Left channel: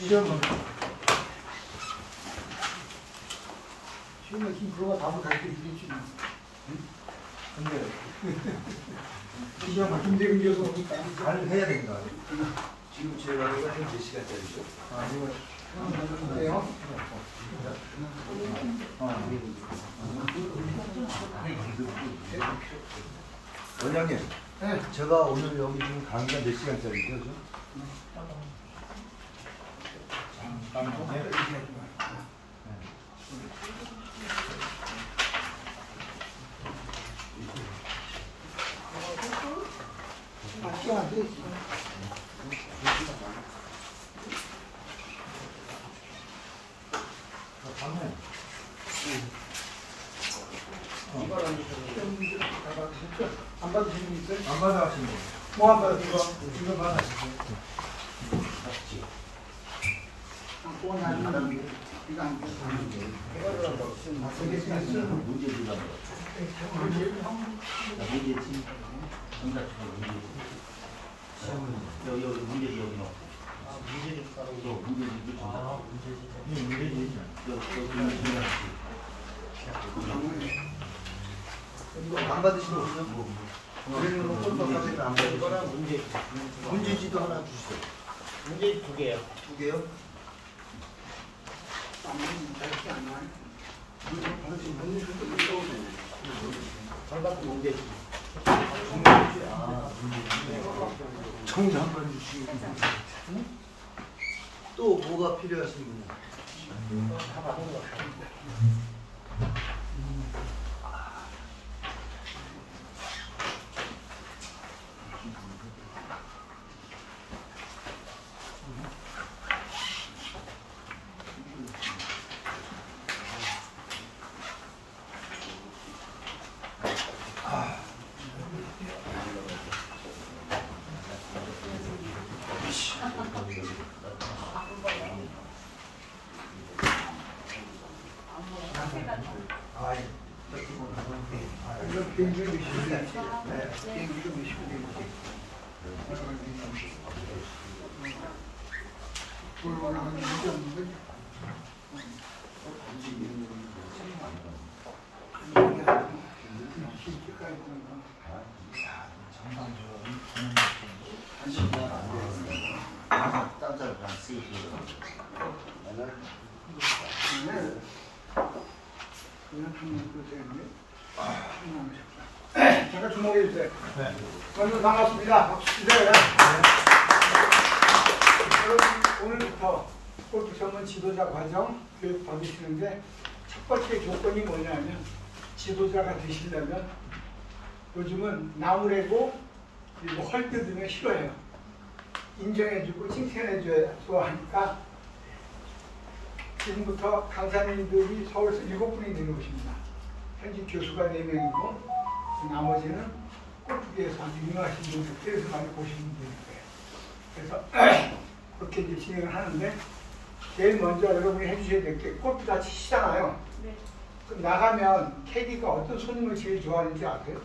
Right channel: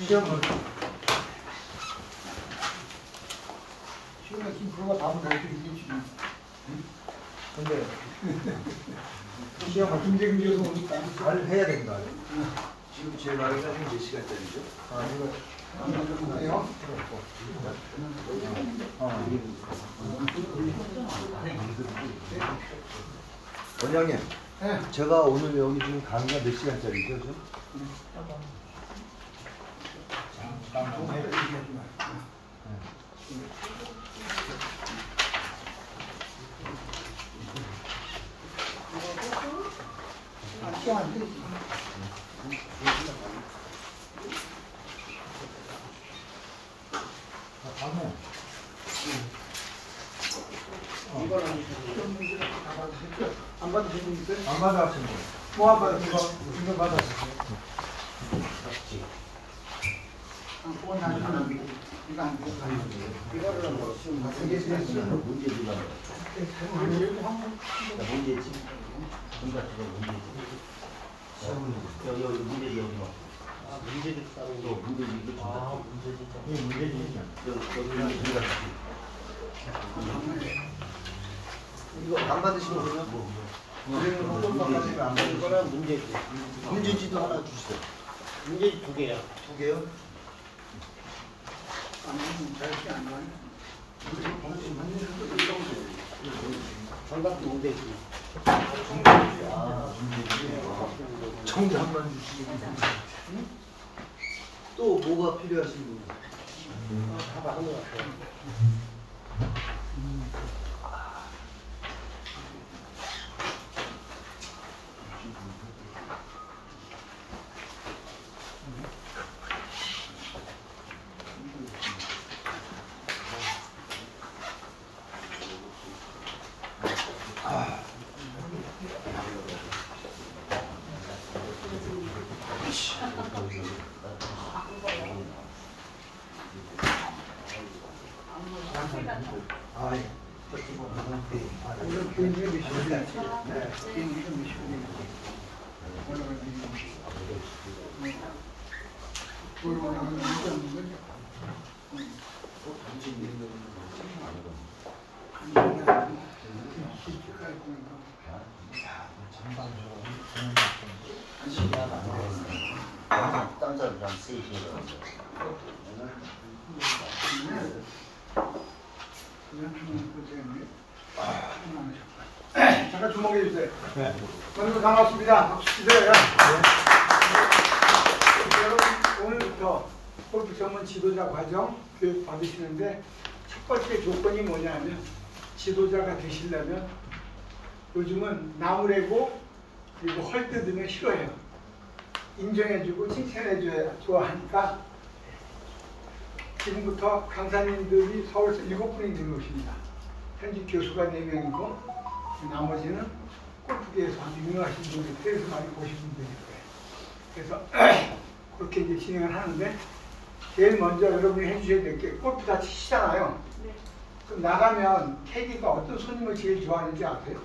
시험에 힘 불어가 답을 가르쳐 주겠지. 근데 시험을 힘들게 오니까 잘 해야 되는 거 아니에요? 지금 제가 하기가 몇 시간짜리죠? 그래요? 원장님, 네. 제가 오늘 여기 지금 강의가 몇 시간짜리죠? 안 받으신 분 있어요? 안 받았습니다. 뭐 안 받았어? 이거 받았어. 꼭 나중에 이거 안 돼. 이거를 문제지가 문제지. 여기 문제지 여기 넣어. 문제지 따로 문제지 이거 문제지. 문제지. 여기 이거 안 받으시거든요. 문제지도 하나 주시죠. 문제지 2개요. 2개요? 정답만 주시면 또 뭐가 필요하신 분이요? 다 받은 것 같아요. 이건 비행기가 몇 시간이지? 비행기가 몇 시간이지? 올라가는 올라가는 문제 없는 거지? 아니 이게 아니고 실제까지 보니까 딴사람 쓰이시는 잠깐 주목해 주세요. 네. 여러분 반갑습니다. 박수 주세요. 오늘부터 골프 전문 지도자 과정 교육 받으시는데 첫 번째 조건이 뭐냐면 지도자가 되시려면 요즘은 나무래고 그리고 헐뜯으면 싫어해요. 인정해주고 칭찬해줘야 좋아하니까 지금부터 강사님들이 서울에서 7분이 내려오십니다. 현직 교수가 4명이고 나머지는 골프계에서 아주 유명하신 분들, 그래서 많이 보시는 분일 거예요. 그래서 그렇게 이제 진행을 하는데 제일 먼저 여러분이 해주셔야 될 게 골프 다 치시잖아요. 네. 그럼 나가면 캐디가 어떤 손님을 제일 좋아하는지 아세요?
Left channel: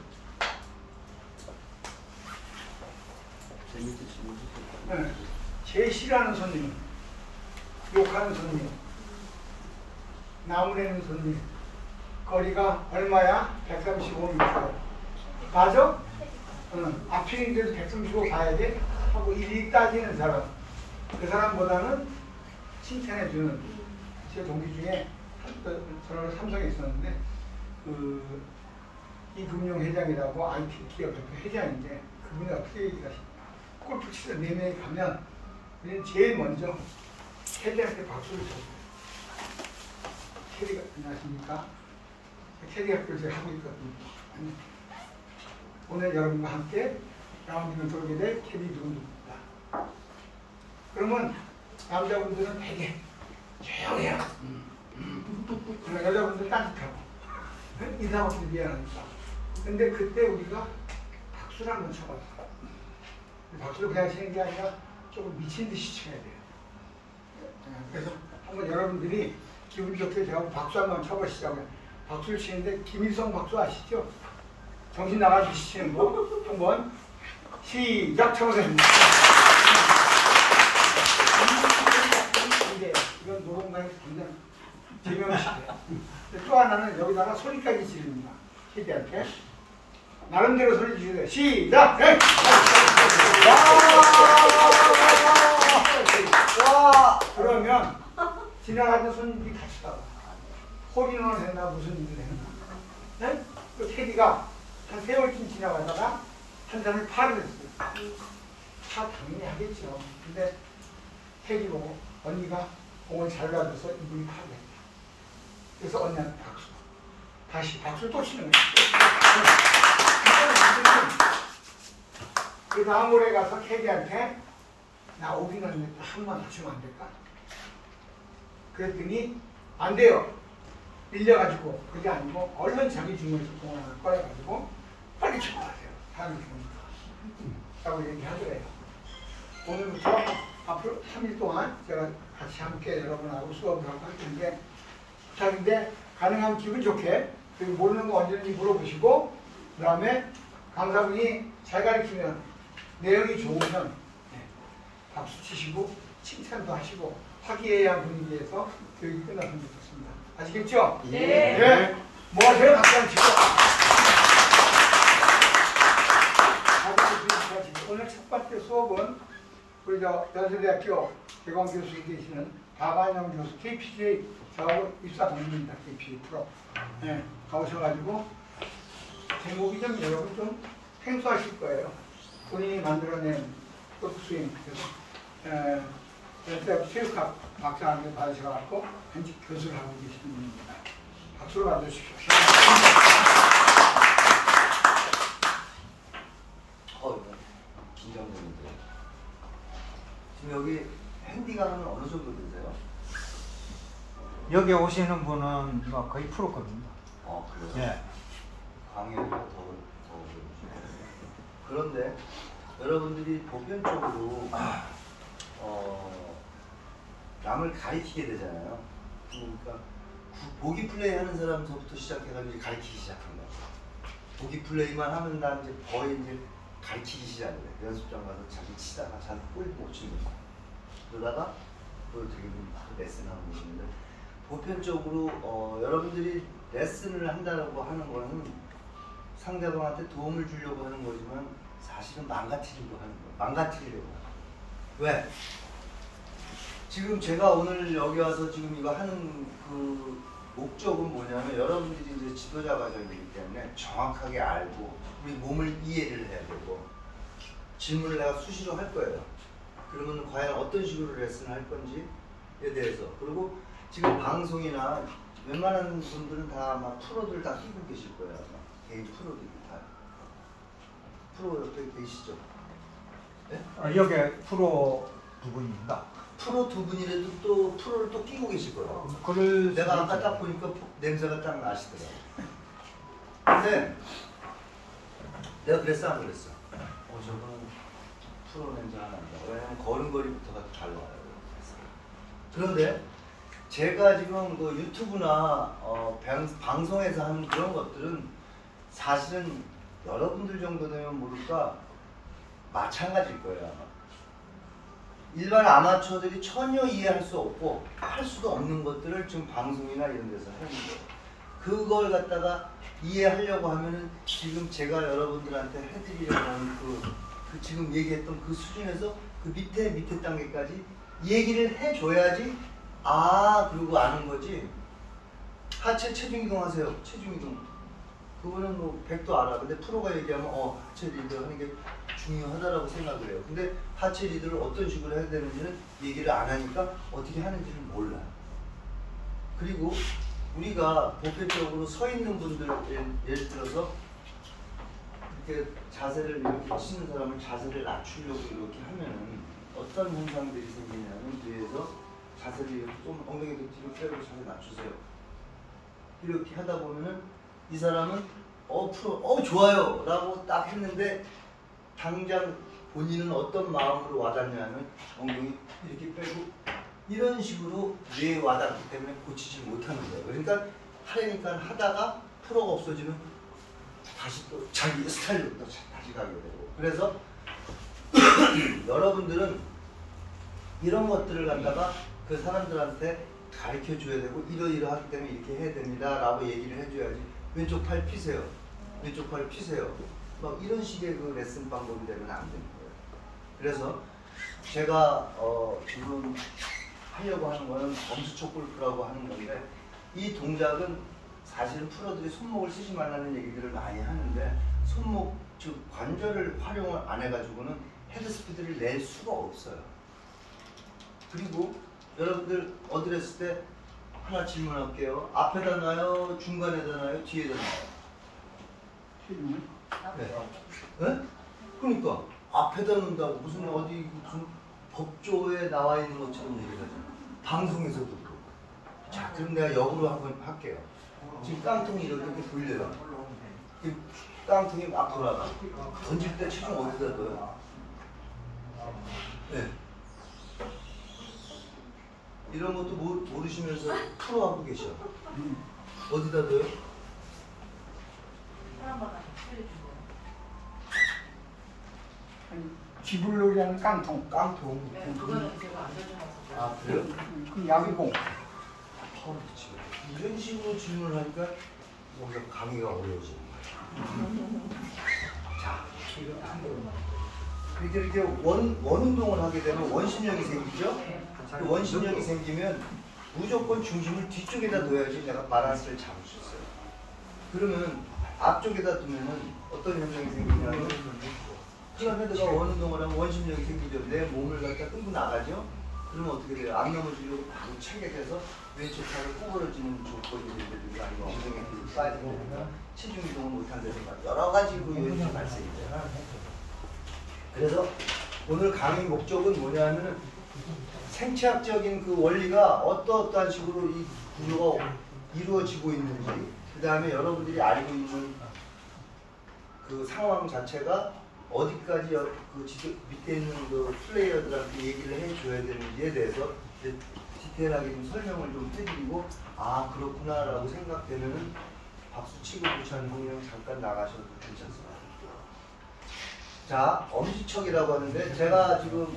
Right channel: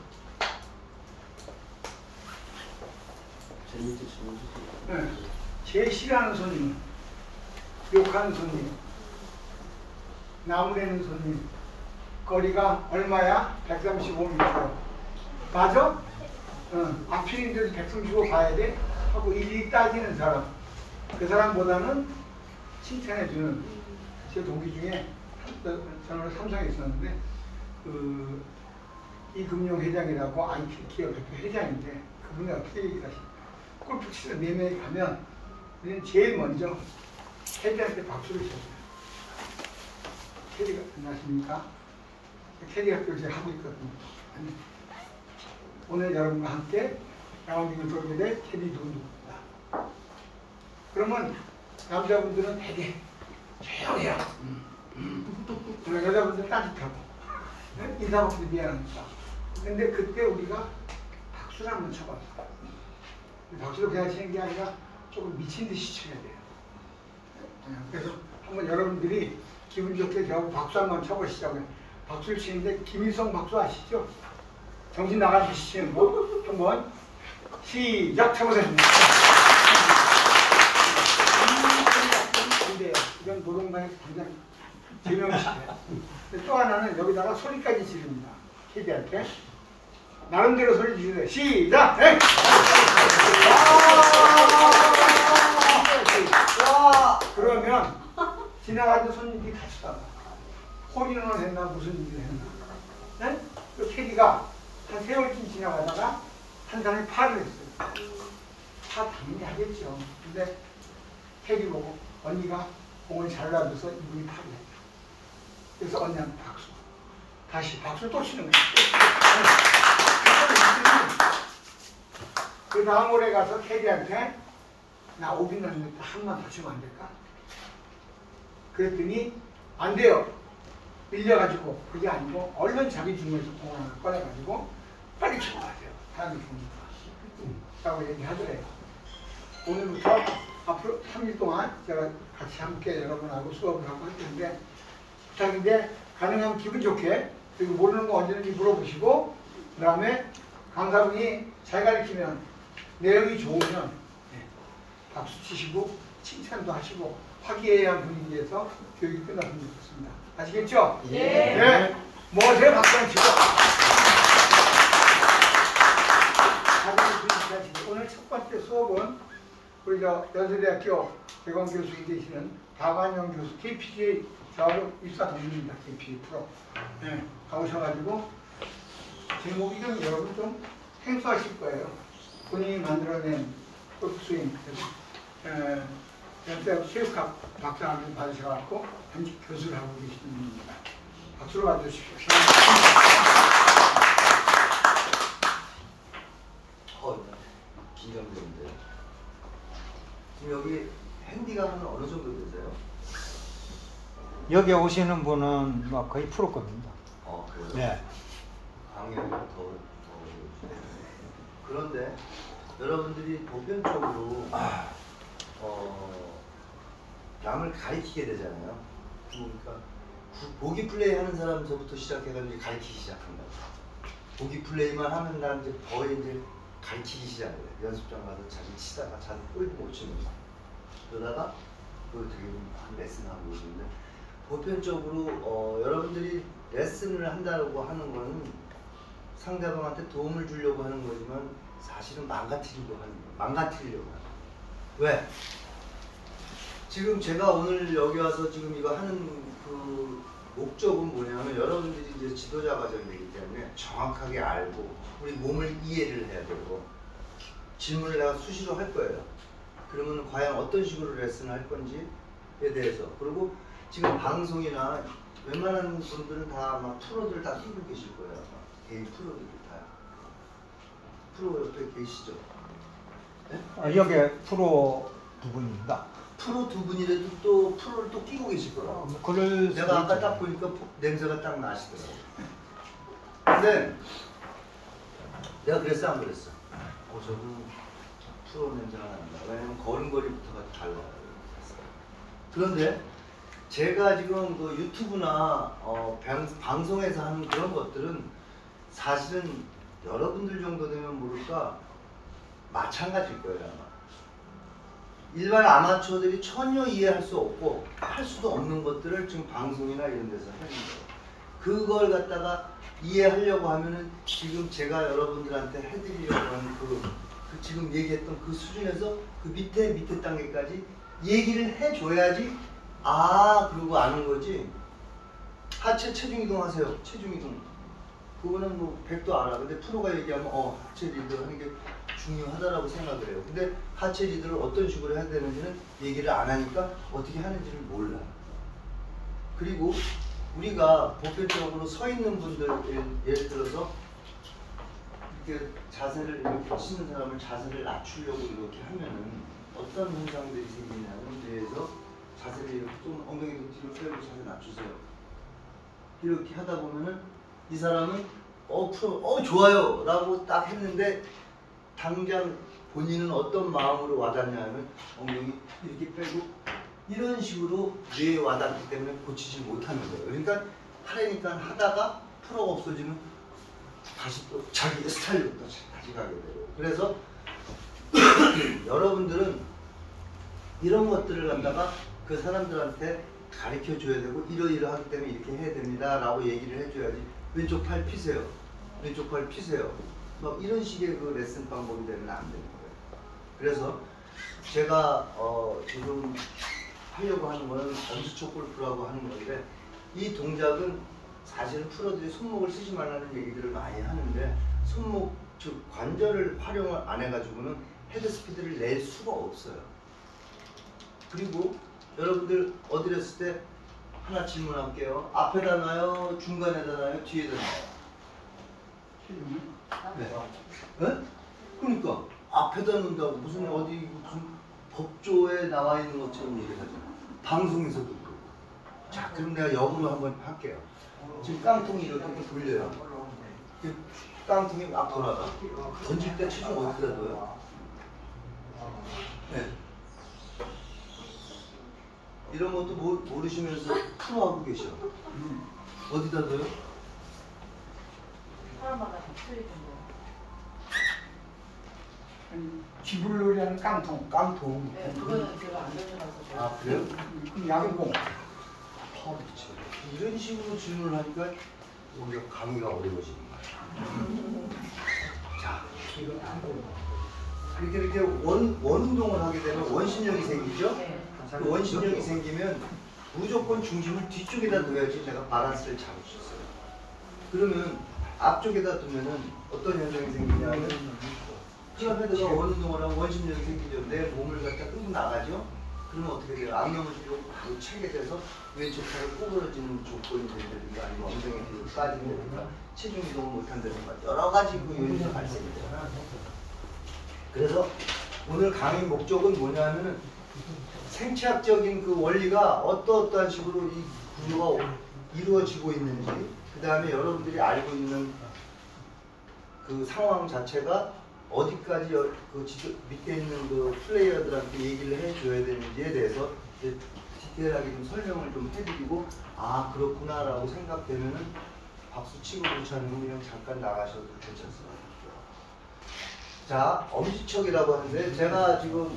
네. 제일 싫어하는 손님, 욕하는 손님, 나무래는 손님. 거리가 얼마야? 135m. 맞아? 응. 앞필인데도 135 가야 돼? 하고 일일이 따지는 사람. 그 사람보다는 칭찬해주는 제 동기 중에 저는 삼성에 있었는데 이금융회장이라고 IT 기업 대표 회장인데 그분이 어떻게 얘기하십니까? 골프 치러 4명이 가면 우리는 제일 먼저 캐디한테 박수를 쳐요. 캐디가 안녕하십니까? 캐디 학교를 제가 하고 있거든요. 오늘 여러분과 함께 라운딩을 돌게 될 캐디 누구입니다. 그러면 남자분들은 되게 조용해요. 여자분들은 따뜻하고 인사받기도 미안하니까. 근데 그때 우리가 박수를 한번 쳐봤어. 박수를 그냥 치는 게 아니라 조금 미친 듯이 쳐야 돼요. 그래서 한번 여러분들이 기분 좋게 저하고 박수 한번 쳐보시자고요. 박수를 치는데 김일성 박수 아시죠? 정신 나가듯이 치는 거 한번 시작 쳐보세요. 그냥 제명시켜요. 또 하나는 여기다가 소리까지 지릅니다. 캐디한테. 나름대로 소리 지르세요. 시작! 네. 와! 그러면 지나가는 손님들이 같이 따라. 호리노는 했나 무슨 일을 했나. 네? 그 캐디가 한 세월쯤 지나가다가 한 사람이 파를 했어요. 파 당연히 하겠죠. 근데 캐디 보고 언니가 공을 잘 놔줘서 이분이 파를 했다. 그래서 언니한테 박수. 다시 박수를 또 치는 거예요. 그 다음 월에 가서 캐디한테 나 오비 났는데 한번 더 치면 안 될까? 그랬더니 안 돼요. 밀려가지고 그게 아니고 얼른 자기 중에서 공을 하나 꺼내가지고 빨리 쳐야 돼요. 사람이 좋으니까. 라고 얘기하더래요. 오늘부터 앞으로 3일 동안 제가 같이 함께 여러분하고 수업을 하고 할 텐데 부탁인데 가능하면 기분 좋게 그리고 모르는 거 언제든지 물어보시고 그 다음에 강사분이 잘 가르치면 내용이 좋으면 박수 치시고 칭찬도 하시고 화기애애한 분위기에서 교육이 끝났으면 좋겠습니다. 아시겠죠? 예. 네. 뭐 하세요? 박수 한번 치고. 오늘 첫 번째 수업은 우리 연세대학교 개광교수에 계시는 박완영 교수 KPGA 저하고 입사 동문입니다. KPGA 프로. 네, 가보셔가지고 제목이 좀 여러분 좀 생소하실 거예요. 본인이 만들어낸 골프스윙. 연세대학교 체육학 박사학위 받으셔갖고 현직 교수를 하고 계시는 분입니다. 박수로 받으십시오. 긴장되는데. 지금 여기 핸디가 하면 어느 정도 되세요? 여기 오시는 분은 뭐 거의 프로 겁니다. 그래요? 네. 강의를 더 그런데 여러분들이 보편적으로 남을 가리키게 되잖아요. 그러니까 보기 플레이 하는 사람서부터 시작해가지고 가리키기 시작한다. 보기 플레이만 하는 다음 이제 거의 이제 가르치기 시작해요. 연습장 가서 자기 치다가 자기 못 치는 거. 그러다가 그걸 되게 레슨하고 있는데 보편적으로 여러분들이 레슨을 한다고 하는 거는 상대방한테 도움을 주려고 하는 거지만 사실은 망가뜨리려고 하는 거예요. 망가뜨리려고 하는 거예요. 왜? 지금 제가 오늘 여기 와서 지금 이거 하는 그 목적은 뭐냐면 여러분들이 이제 지도자 과정이기 때문에 정확하게 알고 우리 몸을 이해를 해야 되고 질문을 내가 수시로 할 거예요. 그러면 과연 어떤 식으로 레슨을 할 건지에 대해서 그리고 지금 방송이나 웬만한 분들은 다 아마 프로들 다 끼고 계실 거예요. 개인 프로들이 다. 프로 옆에 계시죠? 네? 여기 프로 두 분입니다. 프로 두 분이라도 또 프로를 또 끼고 계실 거라고. 내가 아까 딱 보니까 냄새가 딱 나시더라고. 근데 내가 그랬어 안 그랬어? 저분은 프로 냄새가 난다. 왜냐면 걸음걸이부터가 달라요. 그런데 제가 지금 그 유튜브나 방송에서 하는 그런 것들은 사실은 여러분들 정도 되면 모를까 마찬가지일 거예요. 아마. 일반 아마추어들이 전혀 이해할 수 없고 할 수도 없는 것들을 지금 방송이나 이런 데서 하는 거예요. 그걸 갖다가 이해하려고 하면은 지금 제가 여러분들한테 해드리려고 하는 그 지금 얘기했던 그 수준에서 그 밑에 단계까지 얘기를 해줘야지 그러고 아는 거지. 하체 체중 이동하세요. 체중 이동. 그거는 뭐 100도 알아. 근데 프로가 얘기하면 하체 리더 하는 게 중요하다라고 생각을 해요. 근데 하체 리더를 어떤 식으로 해야 되는지는 얘기를 안 하니까 어떻게 하는지를 몰라요. 그리고 우리가 보편적으로 서 있는 분들 예를 들어서 이렇게 자세를 이렇게 치는 사람을 자세를 낮추려고 이렇게 하면은 어떤 현상들이 생기냐면 뒤에서 자세를 이렇게 좀 엉덩이도 뒤로 빼고 자세 낮추세요. 이렇게 하다 보면은 이 사람은 프로 좋아요 라고 딱 했는데 당장 본인은 어떤 마음으로 와닿냐 하면 엉덩이 이렇게 빼고 이런 식으로 뇌에 와닿기 때문에 고치지 못하는 거예요. 그러니까 하려니까 하다가 프로가 없어지면 다시 또 자기 스타일부터 다시 가게 되고. 그래서 여러분들은 이런 것들을 갖다가 그 사람들한테 가르쳐 줘야 되고 이러이러하기 때문에 이렇게 해야 됩니다 라고 얘기를 해줘야지 왼쪽 팔 피세요. 왼쪽 팔 피세요. 뭐 이런 식의 그 레슨 방법이 되면 안 되는 거예요. 그래서 제가 지금 하려고 하는 거는 엄지척 골프라고 하는 건데 이 동작은 사실 프로들이 손목을 쓰지 말라는 얘기들을 많이 하는데 손목 즉 관절을 활용을 안 해가지고는 헤드 스피드를 낼 수가 없어요. 그리고 여러분들 어디를 했을 때 하나 질문할게요. 앞에다 놔요? 중간에다 놔요? 뒤에다 놔요? 네. 네? 그러니까 앞에다 놓는다고 무슨 어디 무슨 법조에 나와 있는 것처럼 얘기를 하잖아. 방송에서도 그러고. 자, 그럼 내가 역으로 한번 할게요. 지금 깡통이 이렇게 돌려요. 그 깡통이 막 돌아가. 던질 때 체중 어디다 넣어요? 네. 이런 것도 모르시면서 프로하고 계셔. 어디다 넣어요? 아니, 쥐불놀이 하는 깡통. 깡통. 네, 그거는 제가 안 가져가서. 아, 그래요? 그 양공. 그렇지. 이런 식으로 질문을 하니까 오히려 강의가 어려워지는 거야. 자, 이렇게 원 운동을 하게 되면 원심력이 생기죠? 그 원심력이 생기면 무조건 중심을 뒤쪽에다 둬야지 내가 바란스를 잡을 수 있어요. 그러면 앞쪽에다 두면은 어떤 현상이 생기냐면 클럽헤드가 원 운동을 하면 원심력이 생기죠. 내 몸을 갖다 끌고 나가죠? 그러면 어떻게 돼요? 안 넘어지고 바로 체게 돼서 왼쪽 팔을 구부러지는 조건이 된다든가 아니면 엉덩이에 빠진다든가 체중 이동을 못한다든가 여러 가지 그 요인이 발생이 돼요. 그래서 오늘 강의 목적은 뭐냐면은 생체학적인 그 원리가 어떠한 식으로 이 구조가 이루어지고 있는지 그 다음에 여러분들이 알고 있는 그 상황 자체가 어디까지 그 밑에 있는 그 플레이어들한테 얘기를 해줘야 되는지에 대해서 디테일하게 좀 설명을 좀 해드리고 아 그렇구나 라고 생각되면은 박수 치고 괜찮고 그냥 잠깐 나가셔도 괜찮습니다. 자 엄지척이라고 하는데 제가 지금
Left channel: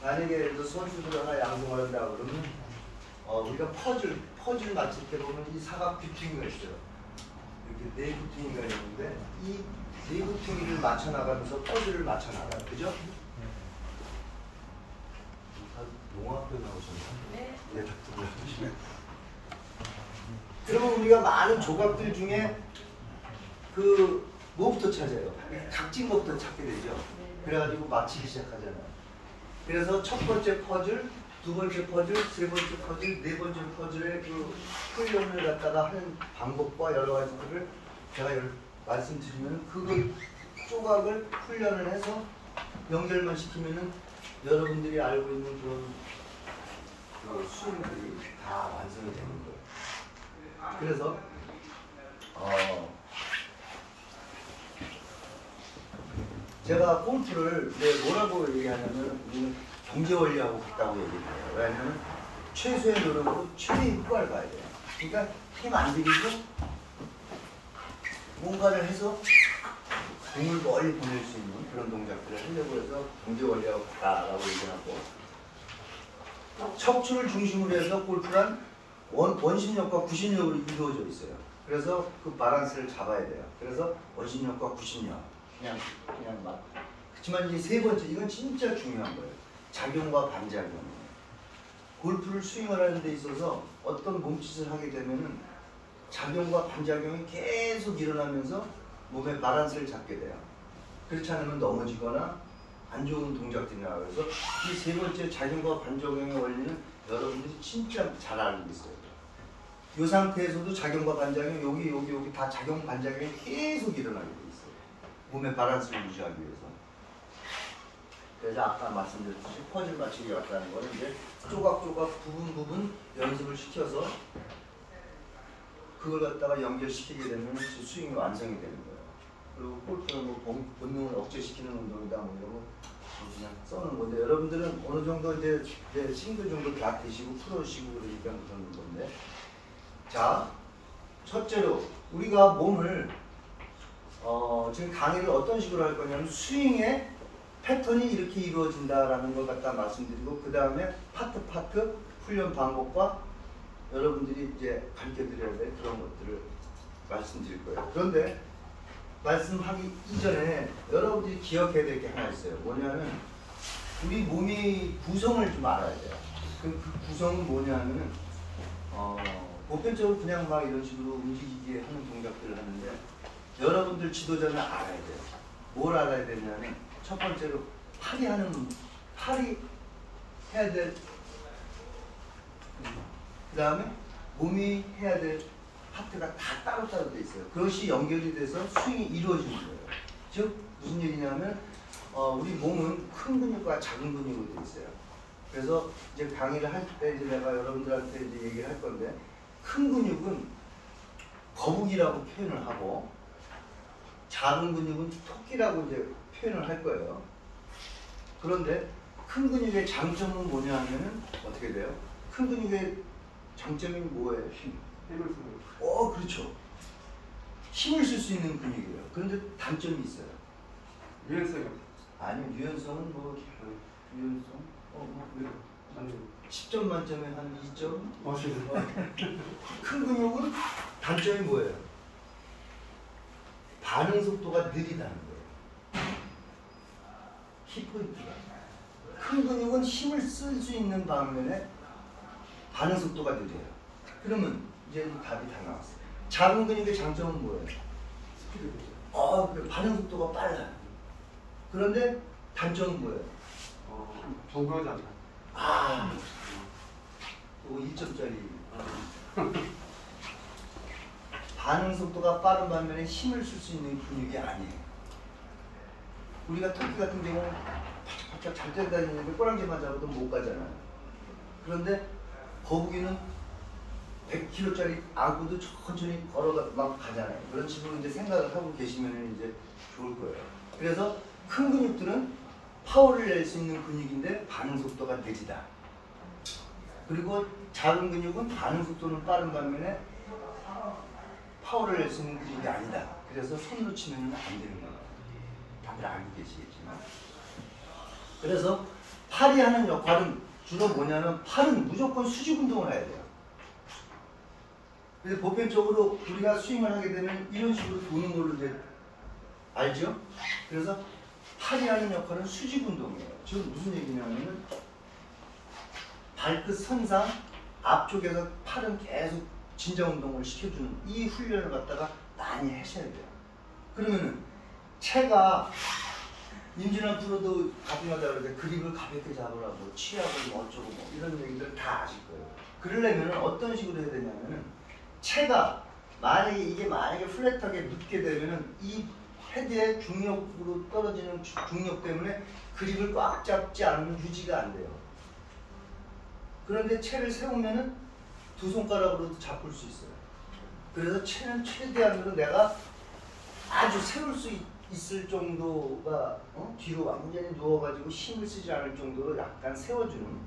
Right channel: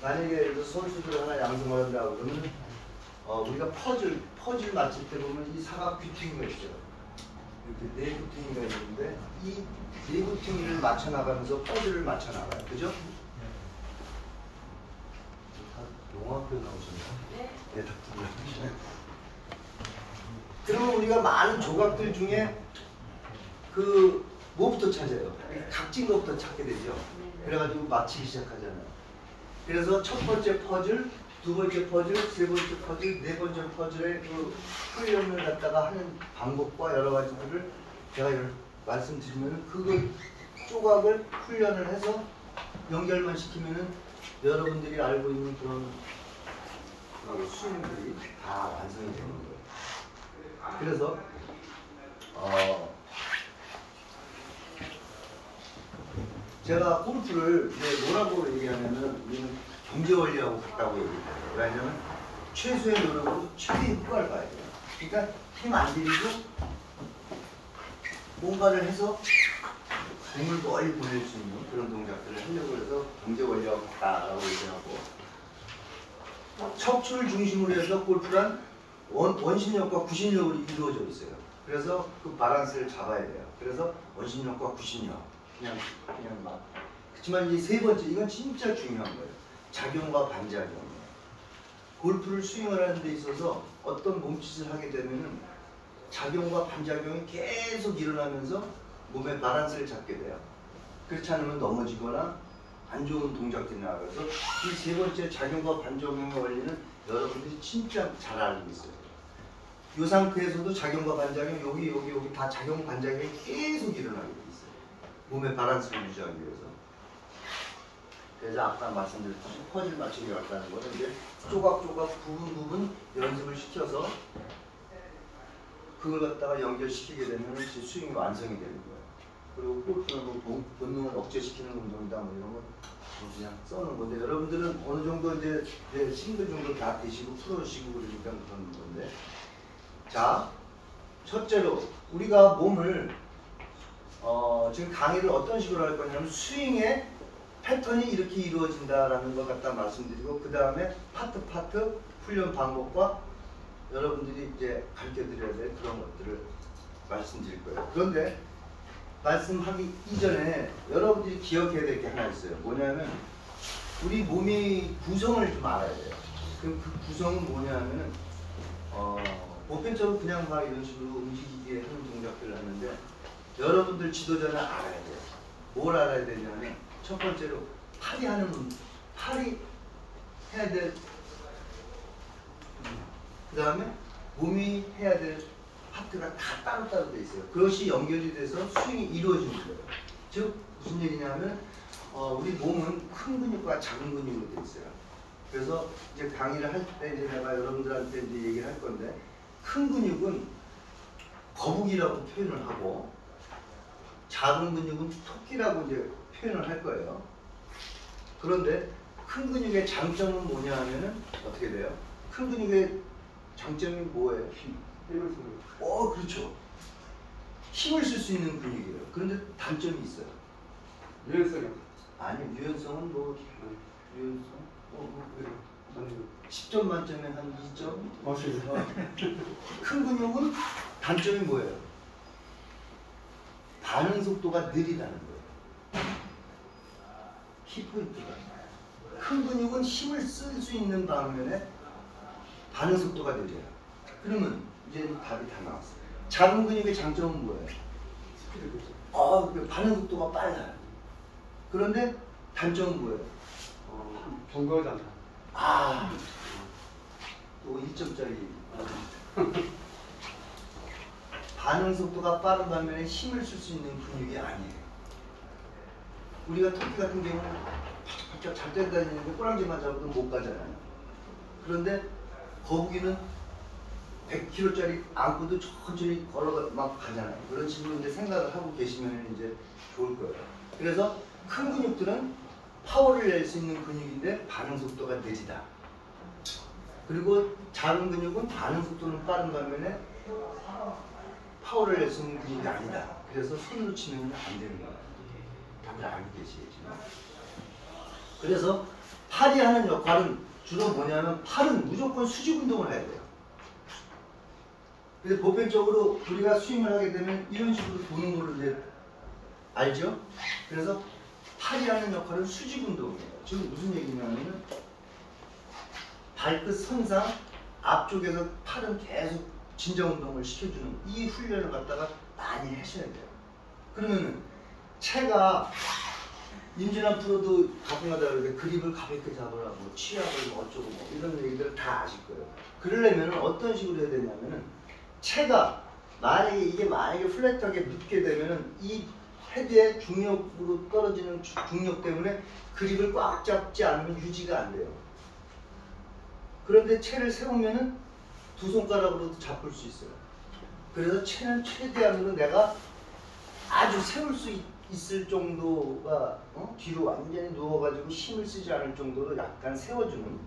만약에 선수들 하나 양성을 한다 그러면 우리가 퍼즐 맞출 때 보면 이 사각 귀퉁이가 있어요. 이렇게 네 귀퉁이가 있는데 이 네 귀퉁이를 맞춰 나가면서 퍼즐을 맞춰 나가요. 그죠? 농학교 나오셨나요? 네, 닥터를 하시네. 그러면 우리가 많은 조각들 중에 그 뭐부터 찾아요? 각진 것부터 찾게 되죠. 그래가지고 맞히기 시작하잖아요. 그래서 첫 번째 퍼즐, 두 번째 퍼즐, 세 번째 퍼즐, 네 번째 퍼즐의 그 훈련을 갖다가 하는 방법과 여러 가지들을 제가 말씀드리면 그걸 조각을 훈련을 해서 연결만 시키면은 여러분들이 알고 있는 그런 수행들이 다 완성이 되는 거예요. 그래서 제가 골프를 뭐라고 얘기하냐면 우리는 경제원리하고 같다고 얘기해요. 왜냐하면 최소의 노력으로 최대의 효과를 봐야 돼요. 그러니까 힘 안 들이고 뭔가를 해서 공을 멀리 보낼 수 있는 그런 동작들을 하려고 해서 경제원리하고 같다라고 얘기하고 척추를 중심으로 해서 골프란 원심력과 구심력으로 이루어져 있어요. 그래서 그 바란스를 잡아야 돼요. 그래서 원심력과 구심력 그냥 맞. 그렇지만 이 세 번째 이건 진짜 중요한 거예요. 작용과 반작용이에요. 골프를 스윙을 하는 데 있어서 어떤 몸짓을 하게 되면은 작용과 반작용이 계속 일어나면서 몸의 바란스를 잡게 돼요. 그렇지 않으면 넘어지거나 안 좋은 동작들이 나와요. 그래서 이 세 번째 작용과 반작용의 원리는 여러분들이 진짜 잘 알고 있어요. 이 상태에서도 작용과 반작용 여기 다 작용 반작용이 계속 일어나게 돼 있어요. 몸의 바란스를 유지하기 위해서. 그래서 아까 말씀드렸듯이 퍼즐 맞추기 같다는 거는 이제 조각조각 부분 연습을 시켜서 그걸 갖다가 연결시키게 되면 스윙이 완성이 되는 거예요. 그리고 골프는 뭐 본능을 억제시키는 운동이다 뭐 이런 거 그냥 써는 건데 여러분들은 어느 정도 이제 싱글 정도 다 되시고 풀어주시고 그러니까 그런 건데 자 첫째로 우리가 몸을 지금 강의를 어떤 식으로 할 거냐면 스윙에 패턴이 이렇게 이루어진다라는 걸 갖다 말씀드리고 그 다음에 파트 훈련 방법과 여러분들이 이제 가르쳐드려야 될 그런 것들을 말씀드릴 거예요. 그런데 말씀하기 이전에 여러분들이 기억해야 될 게 하나 있어요. 뭐냐면 우리 몸이 구성을 좀 알아야 돼요. 그럼 그 구성은 뭐냐면은 보편적으로 그냥 막 이런 식으로 움직이게 하는 동작들을 하는데 여러분들 지도자는 알아야 돼요. 뭘 알아야 되냐면 첫 번째로 팔이 해야 될 그 다음에 몸이 해야 될 파트가 다 따로따로 돼 있어요. 그것이 연결이 돼서 스윙이 이루어지는 거예요. 즉 무슨 얘기냐면 우리 몸은 큰 근육과 작은 근육으로 돼 있어요. 그래서 이제 강의를 할 때 이제 내가 여러분들한테 이제 얘기를 할 건데 큰 근육은 거북이라고 표현을 하고 작은 근육은 토끼라고 이제 표현을 할 거예요. 그런데 큰 근육의 장점은 뭐냐 하면은 어떻게 돼요? 큰 근육의 장점이 뭐예요? 힘. 그렇죠. 힘을 쓸 수 있는 근육이에요. 그런데 단점이 있어요. 유연성. 아니 유연성은 유연성? 10점 만점에 한 2점? 큰 근육은 단점이 뭐예요? 반응 속도가 느리다는 거예요. 키포인트가. 큰 근육은 힘을 쓸 수 있는 반면에 반응 속도가 느려요. 그러면 이제는 답이 다 나왔어요. 작은 근육의 장점은 뭐예요? 반응 속도가 빨라요. 그런데 단점은 뭐예요? 정거장. 2점짜리. 반응 속도가 빠른 반면에 힘을 쓸 수 있는 근육이 아니에요. 우리가 토끼 같은 경우는 바짝바짝 잘 뛰어다니는데 꼬랑지만 잡아도 못 가잖아요. 그런데 거북이는 100kg짜리 안고도 천천히 걸어가 막 가잖아요. 그런 식으로 이제 생각을 하고 계시면 이제 좋을 거예요. 그래서 큰 근육들은 파워를 낼 수 있는 근육인데 반응 속도가 느리다. 그리고 작은 근육은 반응 속도는 빠른 반면에 파워를 낼 수 있는 근육이 아니다. 그래서 손으로 치면 안 되는 거예요. 다들 알고 계시겠지만. 그래서 팔이 하는 역할은 주로 뭐냐면 팔은 무조건 수직 운동을 해야 돼요. 그래서 보편적으로 우리가 스윙을 하게 되면 이런 식으로 도는 걸로 이제 알죠? 그래서 팔이 하는 역할은 수직 운동이에요. 지금 무슨 얘기냐면 발끝 선상 앞쪽에서 팔은 계속 진정 운동을 시켜주는 이 훈련을 갖다가 많이 하셔야 돼요. 그러면은 체가 임진환 프로도 가끔가다 그러는데 그립을 가볍게 잡으라고 취약을 뭐 어쩌고 뭐 이런 얘기들 다 아실 거예요. 그러려면 어떤 식으로 해야 되냐면은 체가 만약에 플랫하게 묻게 되면은 이 헤드의 중력으로 떨어지는 중력 때문에 그립을 꽉 잡지 않으면 유지가 안 돼요. 그런데 체를 세우면은 두 손가락으로도 잡을 수 있어요. 그래서 체는 최대한으로 내가 아주 세울 수 있을 정도가 뒤로 완전히 누워가지고 힘을 쓰지 않을 정도로 약간 세워주는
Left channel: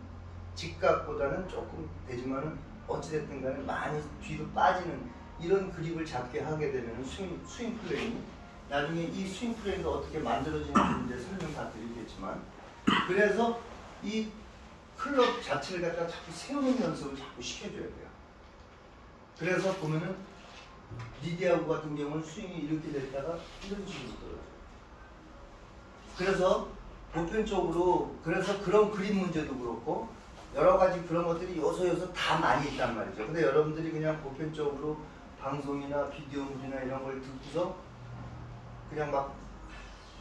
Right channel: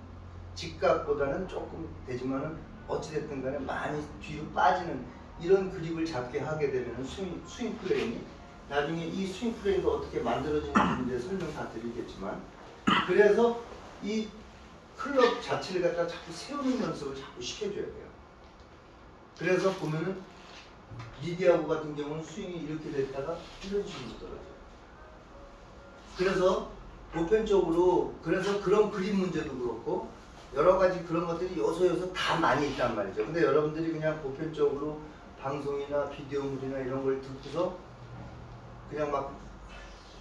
직각보다는 조금 되지만은 어찌됐든 간에 많이 뒤로 빠지는 이런 그립을 잡게 하게 되면 스윙 플레인이 나중에 이 스윙 플레인도 어떻게 만들어지는지 이제 설명 다 드리겠지만 그래서 이 클럽 자체를 갖다 자꾸 세우는 연습을 자꾸 시켜줘야 돼요. 그래서 보면은 리디아고 같은 경우는 스윙이 이렇게 됐다가 이런 식으로 떨어져요. 그래서 보편적으로 그래서 그런 그립 문제도 그렇고 여러 가지 그런 것들이 요소요소 다 많이 있단 말이죠. 근데 여러분들이 그냥 보편적으로 방송이나 비디오물이나 이런 걸 듣고서 그냥 막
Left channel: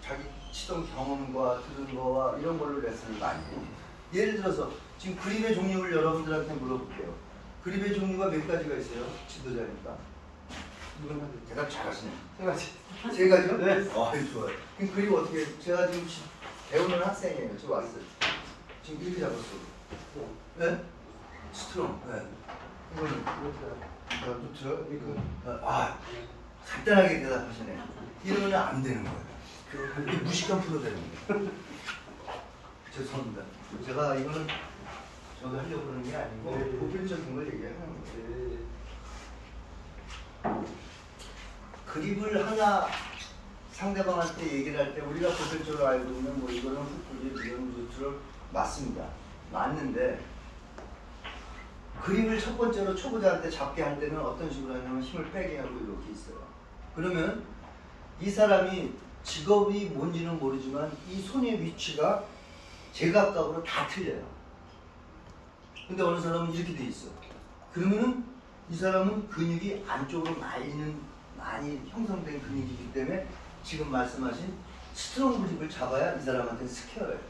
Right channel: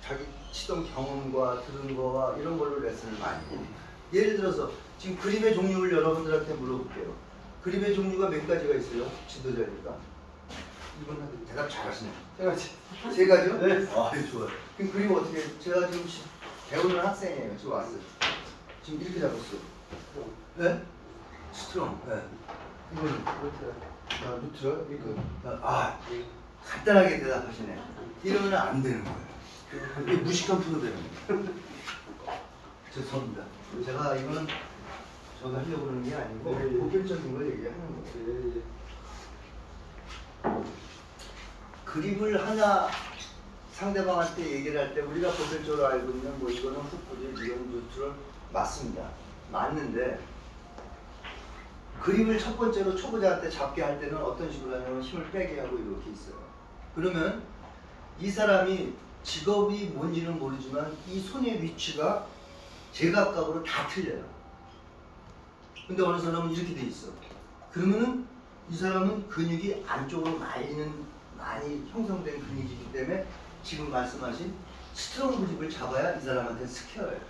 자기 치던 경험과 들은 거와 이런 걸로 레슨을 많이 해요. 예를 들어서 지금 그립의 종류를 여러분들한테 물어볼게요. 그립의 종류가 몇 가지가 있어요? 지도자니까. 이분 대답 잘하시네요. 세 가지요? 네. 좋아요. 그럼 그립 어떻게? 제가 지금 배우는 학생이에요. 지금 왔어요. 지금 이렇게 잡았어요. 네? 스트롱. 네. 이거는 그렇죠. 이거. 간단하게 대답하시네. 이러면 안 되는 거예요. 이게 무식한 프로 되는 거예요. 죄송합니다. 제가 이거는 저도 하려고 그러는 게 아니고 보편적인 걸 얘기하는 거예요. 그립을 하나 상대방한테 얘기를 할 때 우리가 보편적으로 알고 있는 뭐 이거는 훅불이 이건 루트럴 맞습니다. 맞는데 그림을 첫 번째로 초보자한테 잡게 할 때는 어떤 식으로 하냐면 힘을 빼게 하고 이렇게 있어요. 그러면 이 사람이 직업이 뭔지는 모르지만 이 손의 위치가 제각각으로 다 틀려요. 근데 어느 사람은 이렇게 돼 있어. 그러면은 이 사람은 근육이 안쪽으로 많이 형성된 근육이기 때문에 지금 말씀하신 스트롱 그립을 잡아야 이 사람한테는 스퀘어예요.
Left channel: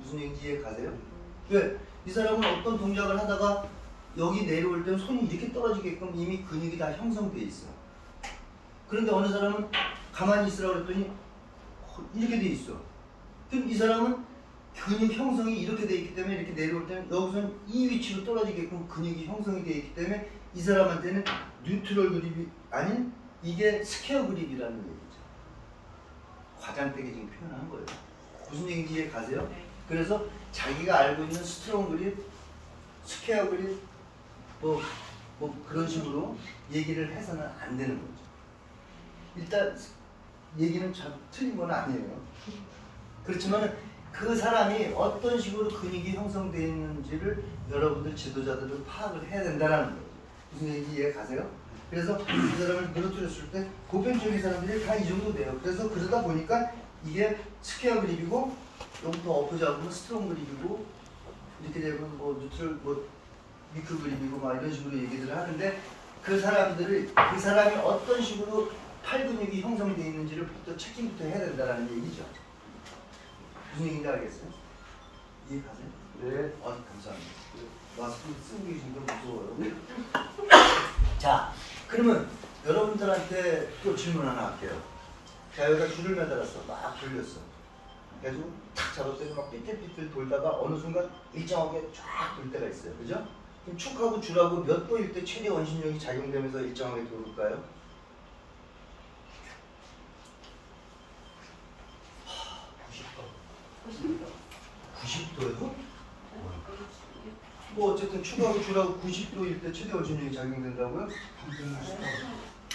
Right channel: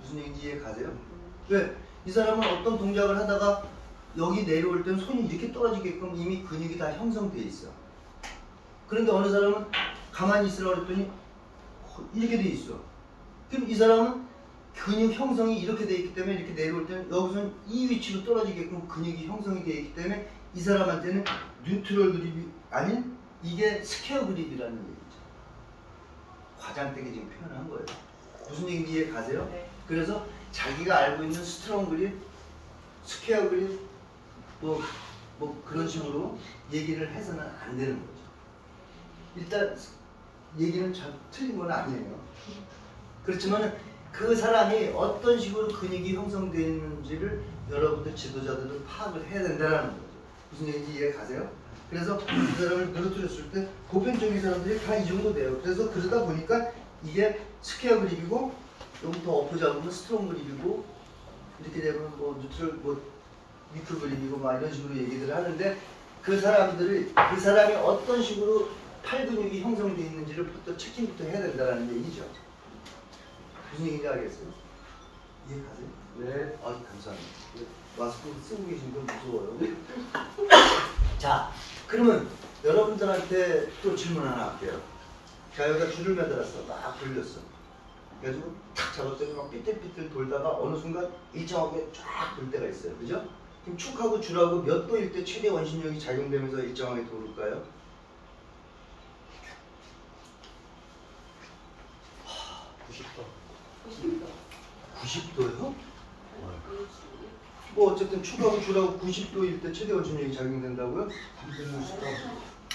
무슨 얘기인지 이해 가세요? 왜? 이 사람은 어떤 동작을 하다가 여기 내려올 때는 손이 이렇게 떨어지게끔 이미 근육이 다 형성돼 있어. 그런데 어느 사람은 가만히 있으라고 그랬더니 이렇게 돼 있어. 그럼 이 사람은 근육 형성이 이렇게 돼 있기 때문에 이렇게 내려올 때는 여기서는 이 위치로 떨어지게끔 근육이 형성이 되어 있기 때문에 이 사람한테는 뉴트럴 그립이 아닌 이게 스퀘어 그립이라는 얘기죠. 과장되게 지금 표현한 거예요. 무슨 얘기인지 이해 가세요? 네. 그래서 자기가 알고 있는 스트롱 그립, 스퀘어 그립 뭐 그런 식으로 얘기를 해서는 안 되는 거죠. 일단 얘기는 잘 틀린 건 아니에요. 그렇지만 그 사람이 어떤 식으로 근육이 형성되어 있는지를 여러분들 지도자들은 파악을 해야 된다는 거죠. 무슨 얘기인지 이해 가세요? 그래서 이 사람을 늘어뜨렸을 때 보편적인 사람들이 다 이 정도 돼요. 그래서 그러다 보니까 이게 스퀘어 그립이고 좀 더 엎어잡으면 스트롱 그립이고 이렇게 되면 뭐 뉴트럴 뭐 위크 그립이고 막 이런 식으로 얘기를 하는데 그 사람이 어떤 식으로 팔 근육이 형성되어 있는지를 부터 체킹부터 해야 된다는 얘기죠. 무슨 얘기인지 알겠어요? 이해가세요? 네. 아, 감사합니다. 마스크 쓰고 계신 건 무서워요. 자, 그러면 여러분들한테 또 질문 하나 할게요. 자, 여기다 줄을 매달았어. 막 돌렸어. 그래가지고 탁 잡았더니 막 삐뚤삐뚤 돌다가 어느 순간 일정하게 쫙 돌 때가 있어요. 그죠? 그럼 축하고 줄하고 몇 도일 때 최대 원심력이 작용되면서 일정하게 돌을까요? 90도요? 뭐 어쨌든 축하고 줄하고 90도일 때 최대 원심력이 작용된다고요?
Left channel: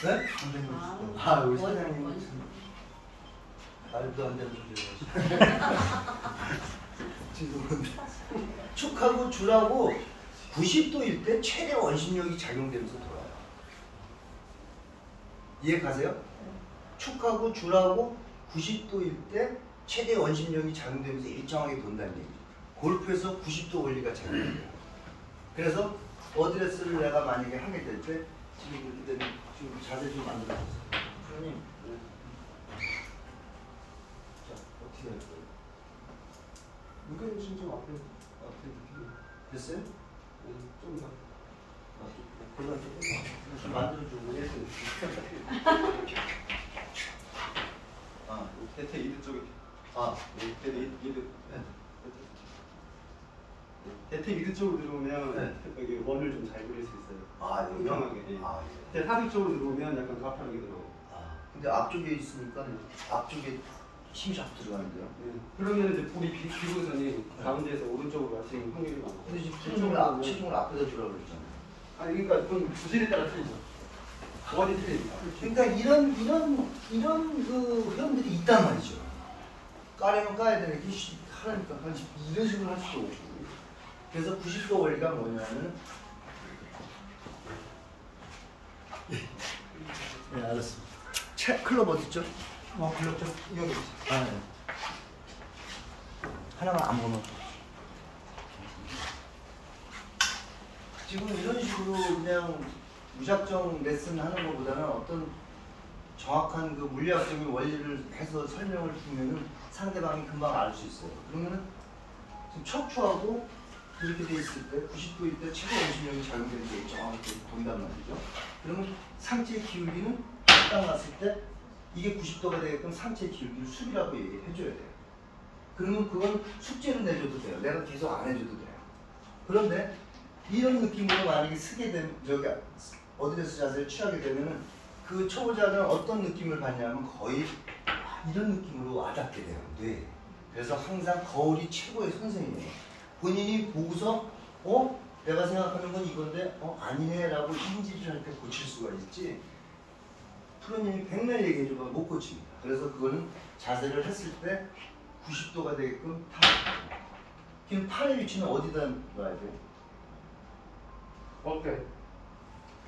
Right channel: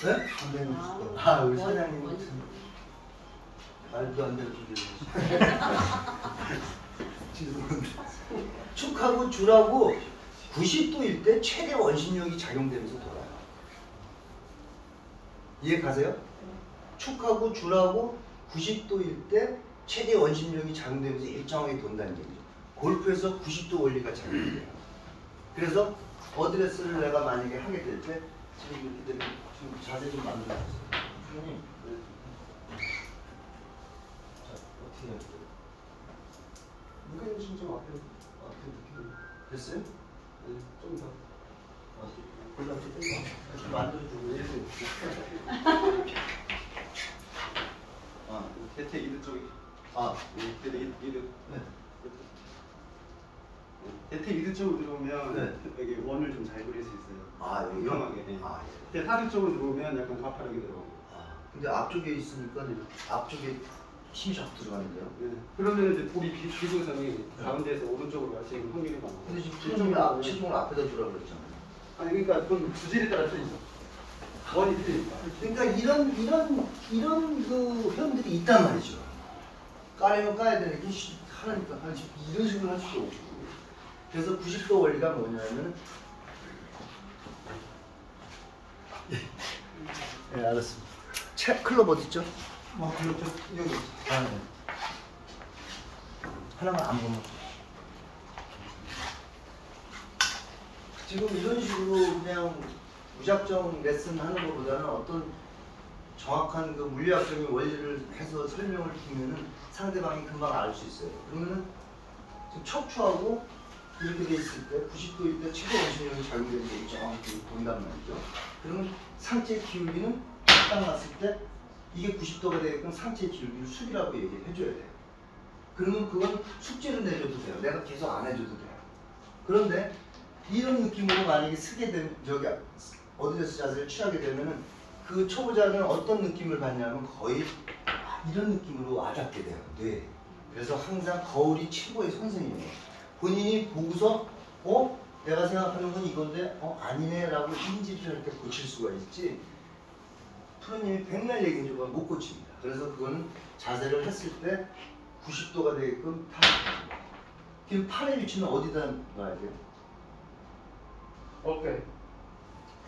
네? 아, 우리 사장님 말도 안 되는 소리를 죄송합니다. 축하고 줄하고 90도일 때 최대 원심력이 작용되면서 돌아요. 이해 가세요? 축하고 줄하고 90도일 때 최대 원심력이 작용되면서 일정하게 돈다는 얘기죠. 골프에서 90도 원리가 작용돼요. 그래서 어드레스를 내가 만약에 하게 될 때 지금 자세 좀 만들어주세요. 프로님, 자 어떻게 할까요? 이거 좀 앞에 느끼고 됐어요? 좀 더. 골라서 좀 만들어주고 이렇게 대퇴 이드 쪽이. 대퇴 이드. 네. 대퇴 이드 쪽으로 들어오면 네. 여기 원을 좀 잘 그릴 수 있어요. 여기요? 평평하게. 예. 예. 대퇴 사드 쪽으로 들어오면 약간 가파르게 들어오고. 근데 앞쪽에 있으니까 앞쪽에 힘이 자꾸 들어가는데요. 네. 그러면 이제 볼이 비구선이 가운데에서 오른쪽으로 가시는 확률이 많고. 근데 지금 체중을 앞에다 두라고 그랬잖아요. 아니 그러니까 그건 주질에 따라 틀리죠. 원이 틀리니까. 그러니까 이런 그 회원들이 있단 말이죠. 까려면 까야 되는 게 하니까 이런 식으로 할 수도 없고. 그래서 90도 원리가 뭐냐면 네, 알았습니다. 클럽 어디 있죠? 그렇죠. 여기. 네. 하나만 아무거나. 지금 이런 식으로 그냥 무작정 레슨 하는 것보다는 어떤 정확한 그 물리학적인 원리를 해서 설명을 주면은 상대방이 금방 알 수 있어요. 그러면은 지금 척추하고 이렇게 돼 있을 때 90도일 때 최대 원심력이 작용되면서 일정하게 돈단 말이죠. 그러면 상체 기울기는 딱 놨을 때 이게 90도가 되게끔 상체 기울기를 수비라고 얘기를 해줘야 돼요. 그러면 그건 숙제를 내줘도 돼요. 내가 계속 안 해줘도 돼요. 그런데 이런 느낌으로 만약에 쓰게 되면 어드레스 자세를 취하게 되면은 그 초보자는 어떤 느낌을 받냐면 거의 이런 느낌으로 와닿게 돼요. 뇌. 그래서 항상 거울이 최고의 선생님이에요. 본인이 보고서 내가 생각하는 건 이건데 아니네 라고 인지를 할 때 고칠 수가 있지 프로님이 백날 얘기해주고 못 고칩니다. 그래서 그거는 자세를 했을 때 90도가 되게끔 다. 그럼 팔의 위치는 어디다 놔야 돼요? 어깨.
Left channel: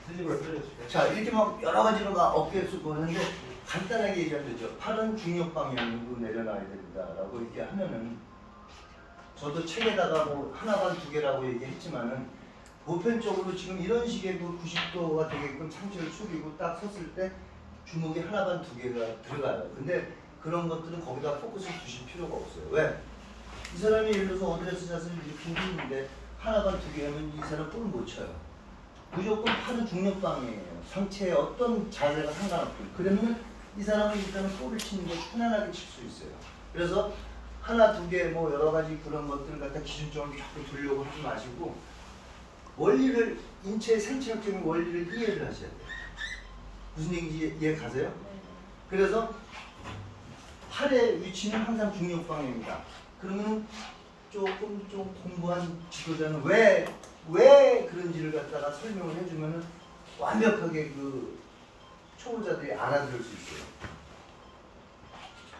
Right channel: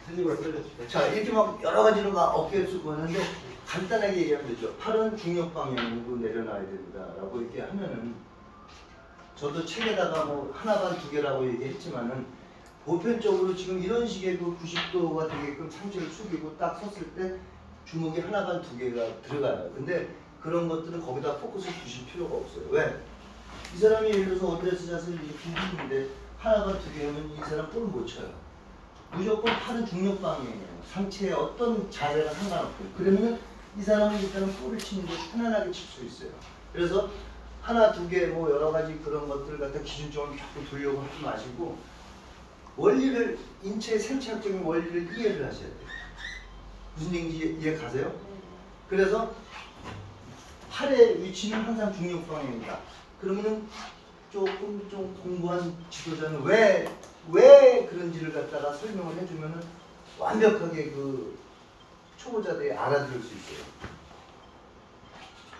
뒤집어 끌려주세요. 자, 이렇게 막 여러 가지로 막 어깨에 쓰고 하는데 간단하게 얘기하면 되죠. 팔은 중력 방향으로 내려놔야 된다라고 이렇게 하면은 저도 책에다가 뭐 하나 반 두 개라고 얘기했지만은 보편적으로 지금 이런 식의 그 90도가 되게끔 상체를 숙이고 딱 섰을 때 주먹이 하나 반 두 개가 들어가요. 근데 그런 것들은 거기다 포커스를 두실 필요가 없어요. 왜? 이 사람이 예를 들어서 어드레스 자세를 이렇게 했는데 하나 반 두 개 하면 이 사람 볼을 못 쳐요. 무조건 팔은 중력 방향이에요. 상체의 어떤 자세가 상관없고. 그러면 이 사람은 일단은 볼을 치는 게 편안하게 칠 수 있어요. 그래서 하나 두 개 뭐 여러 가지 그런 것들을 갖다 기준점을 자꾸 두려고 하지 마시고 원리를 인체의 생체학적인 원리를 이해를 하셔야 돼요. 무슨 얘기인지 이해 가세요? 그래서 팔의 위치는 항상 중력 방향입니다. 그러면은 조금 좀 공부한 지도자는 왜 그런지를 갖다가 설명을 해주면은 완벽하게 그 초보자들이 알아들을 수 있어요.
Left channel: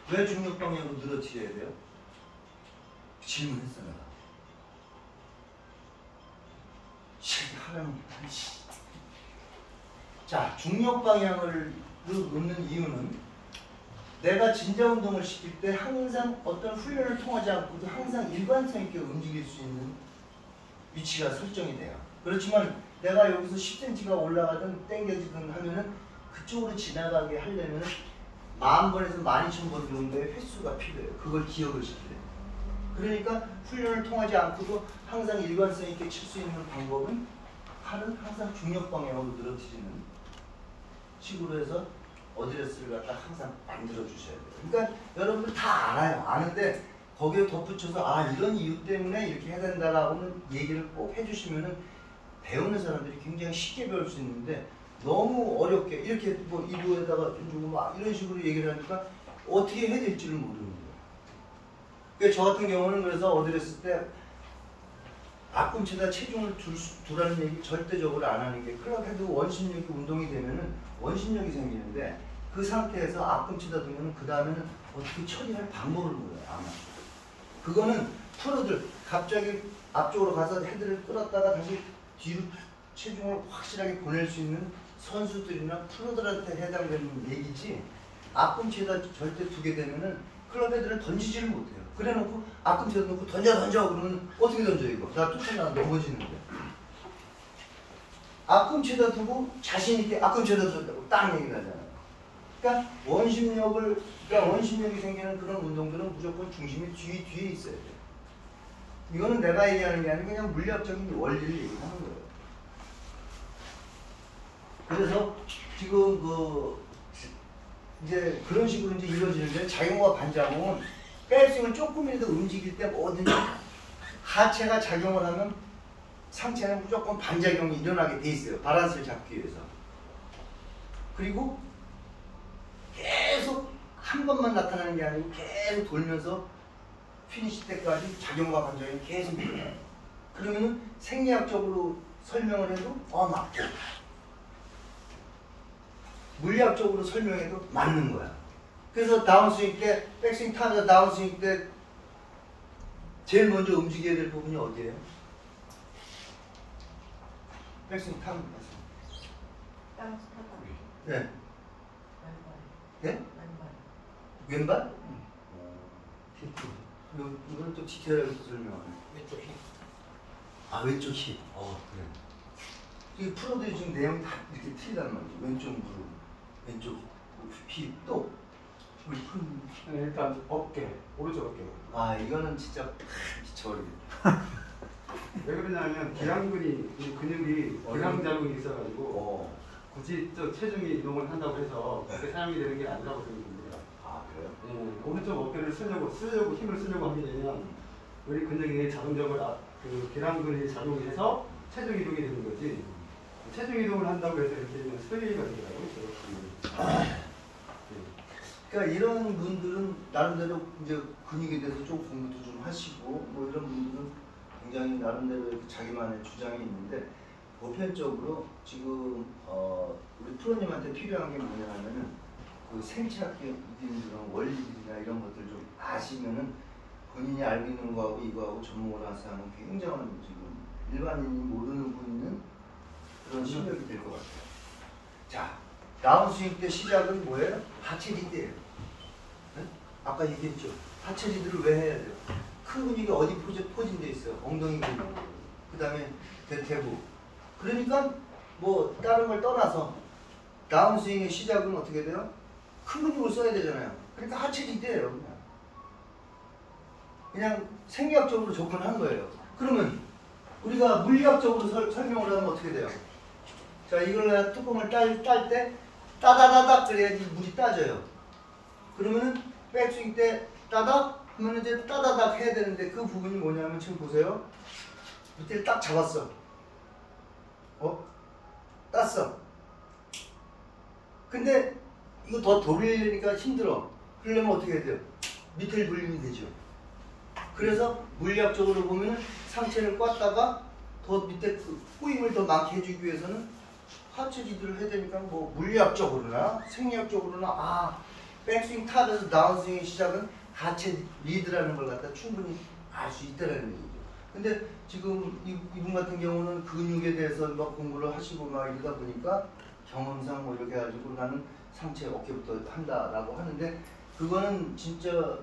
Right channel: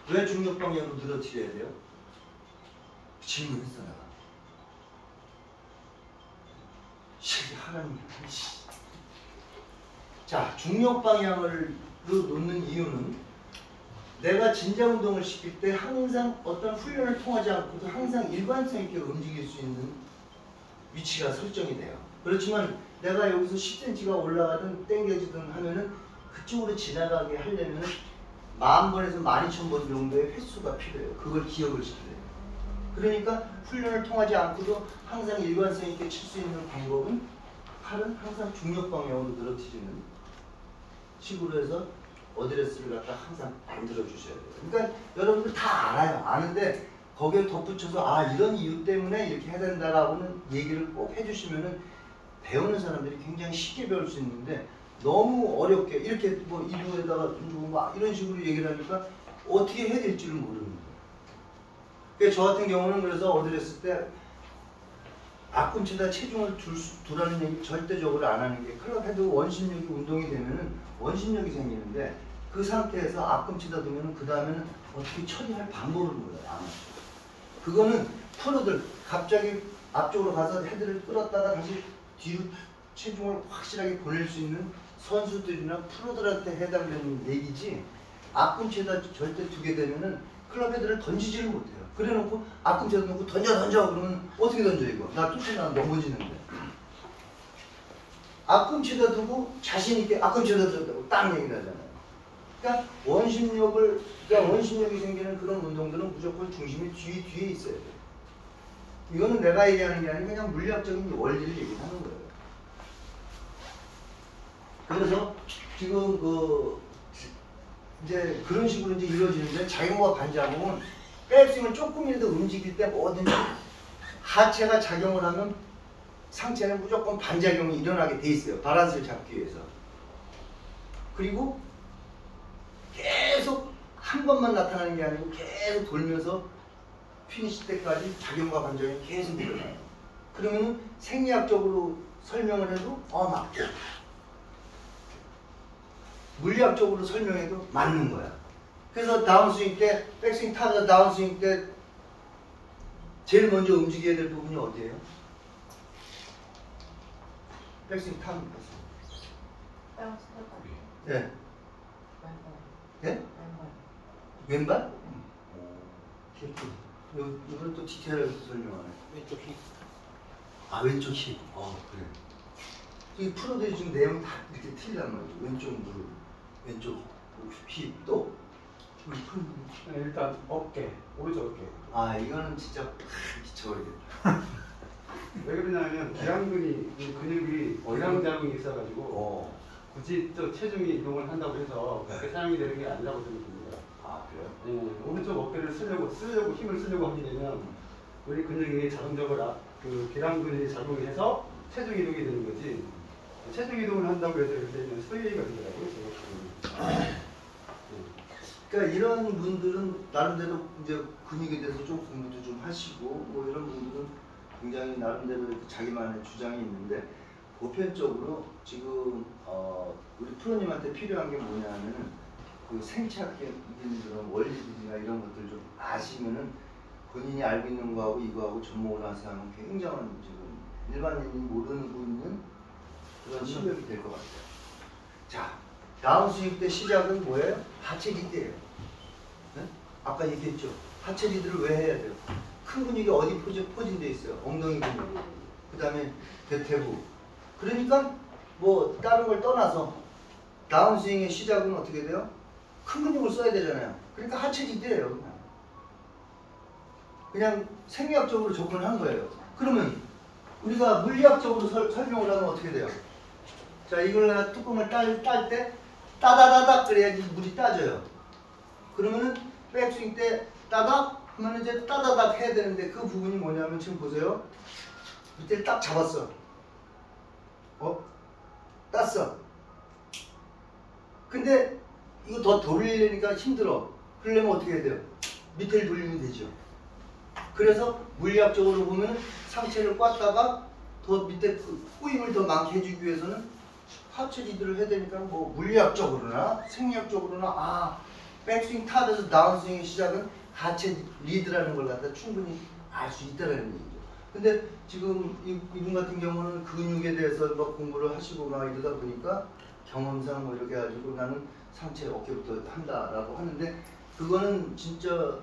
왜 중력 방향으로 늘어뜨려야 돼요? 질문했어 내가. 하나님. 자, 중력 방향으로 놓는 이유는 내가 진자 운동을 시킬 때 항상 어떤 훈련을 통하지 않고도 항상 일관성 있게 움직일 수 있는 위치가 설정이 돼요. 그렇지만 내가 여기서 10cm가 올라가든 당겨지든 하면은 그쪽으로 지나가게 하려면은 10,000번에서 12,000번 정도의 횟수가 필요해요. 그걸 기억을 시켜야 돼요. 그러니까 훈련을 통하지 않고도 항상 일관성 있게 칠 수 있는 방법은 팔은 항상 중력 방향으로 늘어뜨리는 식으로 해서 어드레스를 갖다 항상 만들어 주셔야 돼요. 그러니까 여러분들 다 알아요. 아는데 거기에 덧붙여서 아 이런 이유 때문에 이렇게 해야 된다라고는 얘기를 꼭 해주시면은 배우는 사람들이 굉장히 쉽게 배울 수 있는데 너무 어렵게 이렇게 뭐 이부에다가 막 이런 식으로 얘기를 하니까 어떻게 해야 될지를 모르는 거예요. 그러니까 저 같은 경우는 그래서 어드레스 때 앞꿈치에다 체중을 두라는 얘기 절대적으로 안 하는 게 클럽 헤드 원심력이 운동이 되면은 원심력이 생기는데 그 상태에서 앞꿈치에다 두면은 그 다음에는 어떻게 처리할 방법을 몰라요. 아마. 그거는 프로들 갑자기 앞쪽으로 가서 헤드를 끌었다가 다시 뒤로 체중을 확실하게 보낼 수 있는 선수들이나 프로들한테 해당되는 얘기지 앞꿈치에다 절대 두게 되면은 클럽 헤드를 던지지를 못해요. 그래 놓고 앞꿈치에다 놓고 던져 그러면 어떻게 던져 이거? 나 쫓아가 넘어지는데. 앞꿈치에다 두고 자신 있게 앞꿈치에다 둔다고 딱 얘기를 하잖아요. 그러니까 원심력이 생기는 그런 운동들은 무조건 중심이 뒤에 있어야 돼. 이거는 내가 얘기하는 게 아니라 그냥 물리학적인 원리를 얘기하는 거예요. 그래서 지금 이제 그런 식으로 이제 이루어지는데 작용과 반작용은 백스윙을 조금이라도 움직일 때 뭐든지 하체가 작용을 하면 상체는 무조건 반작용이 일어나게 돼 있어요. 밸런스를 잡기 위해서. 그리고 계속 한 번만 나타나는 게 아니고 계속 돌면서 피니시 때까지 작용과 반작용이 계속 일어나요. 그러면은 생리학적으로 설명을 해도 맞고 물리학적으로 설명해도 맞는 거야. 그래서 다운스윙 때 백스윙 타자 다운스윙 때 제일 먼저 움직여야 될 부분이 어디예요? 백스윙 타면 예. 예? 왼발? 이번엔 또 디테일하게 설명하네. 왼쪽 힙. 아 왼쪽 힙. 그래. 이 프로들이 지금 내용이 다 이렇게 틀리단 말이에요. 왼쪽 무릎, 왼쪽 힙 또. 네, 일단 어깨, 오른쪽 어깨. 이거는 진짜 미쳐버리겠다. 왜 그러냐면 기랑근이 근육이 기랑 자궁이 있어가지고 굳이 저 체중이 이동을 한다고 해서 그렇게 사용이 되는 게 아니라고 생각합니다. 그래요? 오른쪽 어깨를 힘을 쓰려고 하게 되면 우리 근육이 자동적으로 그 기랑근이 작용해서 체중 이동이 되는 거지. 체중 이동을 한다고 해서 이렇게 되면 스웨이가 되더라고요. 그러니까 이런 분들은 나름대로 이제 근육에 대해서 좀 공부도 좀 하시고 뭐 이런 분들은 굉장히 나름대로 자기만의 주장이 있는데 보편적으로 지금 우리 프로님한테 필요한 게 뭐냐면은 그 생체학적인 그런 원리들이나 이런 것들 좀 아시면은 본인이 알고 있는 거하고 이거하고 접목을 해서 하면 굉장한 지금 일반인이 모르는 분은 그런 실력이 될 것 같아요. 자, 다운스윙 때 시작은 뭐예요? 하체 리드예요. 네? 아까 얘기했죠. 하체 리드를 왜 해야 돼요? 큰 근육이 어디 포진돼 있어요? 엉덩이 근육, 그 다음에 대퇴부. 그러니까 뭐 다른 걸 떠나서 다운스윙의 시작은 어떻게 돼요? 큰 근육을 써야 되잖아요. 그러니까 하체 리드예요. 그냥 생리학적으로 접근한 거예요. 그러면 우리가 물리학적으로 설명을 하면 어떻게 돼요? 자, 이걸 뚜껑을 딸 때 따다다닥 그래야지 물이 따져요. 그러면은 백스윙 때 따닥 하면 이제 따다닥 해야 되는데 그 부분이 뭐냐면 지금 보세요. 밑에 딱 잡았어. 땄어. 근데 이거 더 돌리려니까 힘들어. 그러려면 어떻게 해야 돼요? 밑에를 돌리면 되죠. 그래서 물리학적으로 보면 상체를 꽉다가 더 밑에 꼬임을 더 많게 해주기 위해서는 하체 리드를 해야 되니까 뭐 물리학적으로나 생리학적으로나 백스윙 탑에서 다운스윙의 시작은 하체 리드라는 걸 갖다 충분히 알 수 있다는 얘기죠. 근데 지금 이분 같은 경우는 근육에 대해서 뭐 공부를 하시고 막 이러다 보니까 경험상 뭐 이렇게 해가지고 나는 상체 어깨부터 한다라고 하는데 그거는 진짜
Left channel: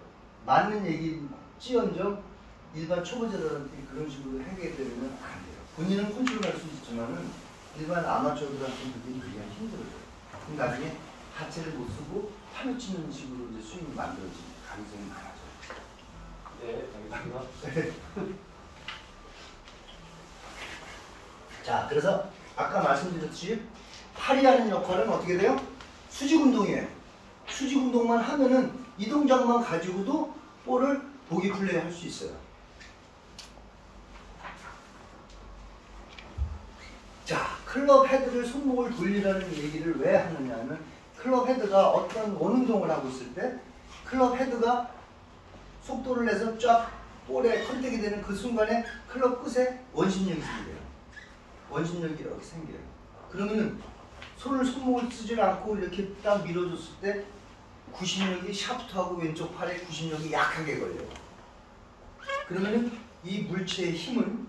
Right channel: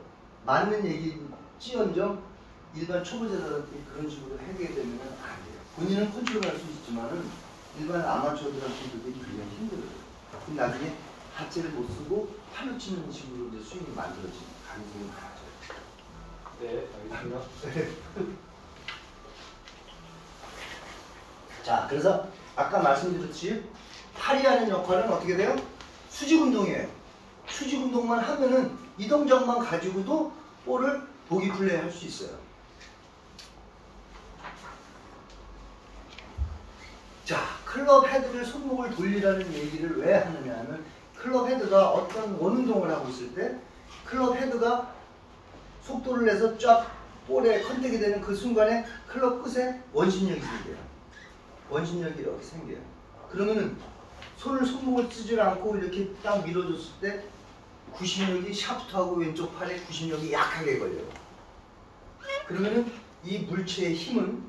맞는 얘기지언정 일반 초보자들한테 그런 식으로 하게 되면 안 돼요. 본인은 컨트롤할 수 있지만은 일반 아마추어들한테 그게 굉장히 힘들어요. 근데 나중에 하체를 못 쓰고 팔을 치는 식으로 이제 스윙이 만들어질 가능성이 많아져요. 네, 알겠습니다. 자, 그래서 아까 말씀드렸듯이 팔이 하는 역할은 어떻게 돼요? 수직 운동이에요. 수직 운동만 하면은 이 동작만 가지고도 볼을 보기 플레이 할 수 있어요. 자, 클럽 헤드를 손목을 돌리라는 얘기를 왜 하느냐면 클럽 헤드가 어떤 원운동을 하고 있을 때 클럽 헤드가 속도를 내서 쫙 볼에 컨택이 되는 그 순간에 클럽 끝에 원심력이 생겨요. 원심력이 이렇게 생겨요. 그러면은 손목을 쓰질 않고 이렇게 딱 밀어줬을 때 구심력이 샤프트하고 왼쪽 팔에 구심력이 약하게 걸려요. 그러면은 이 물체의 힘은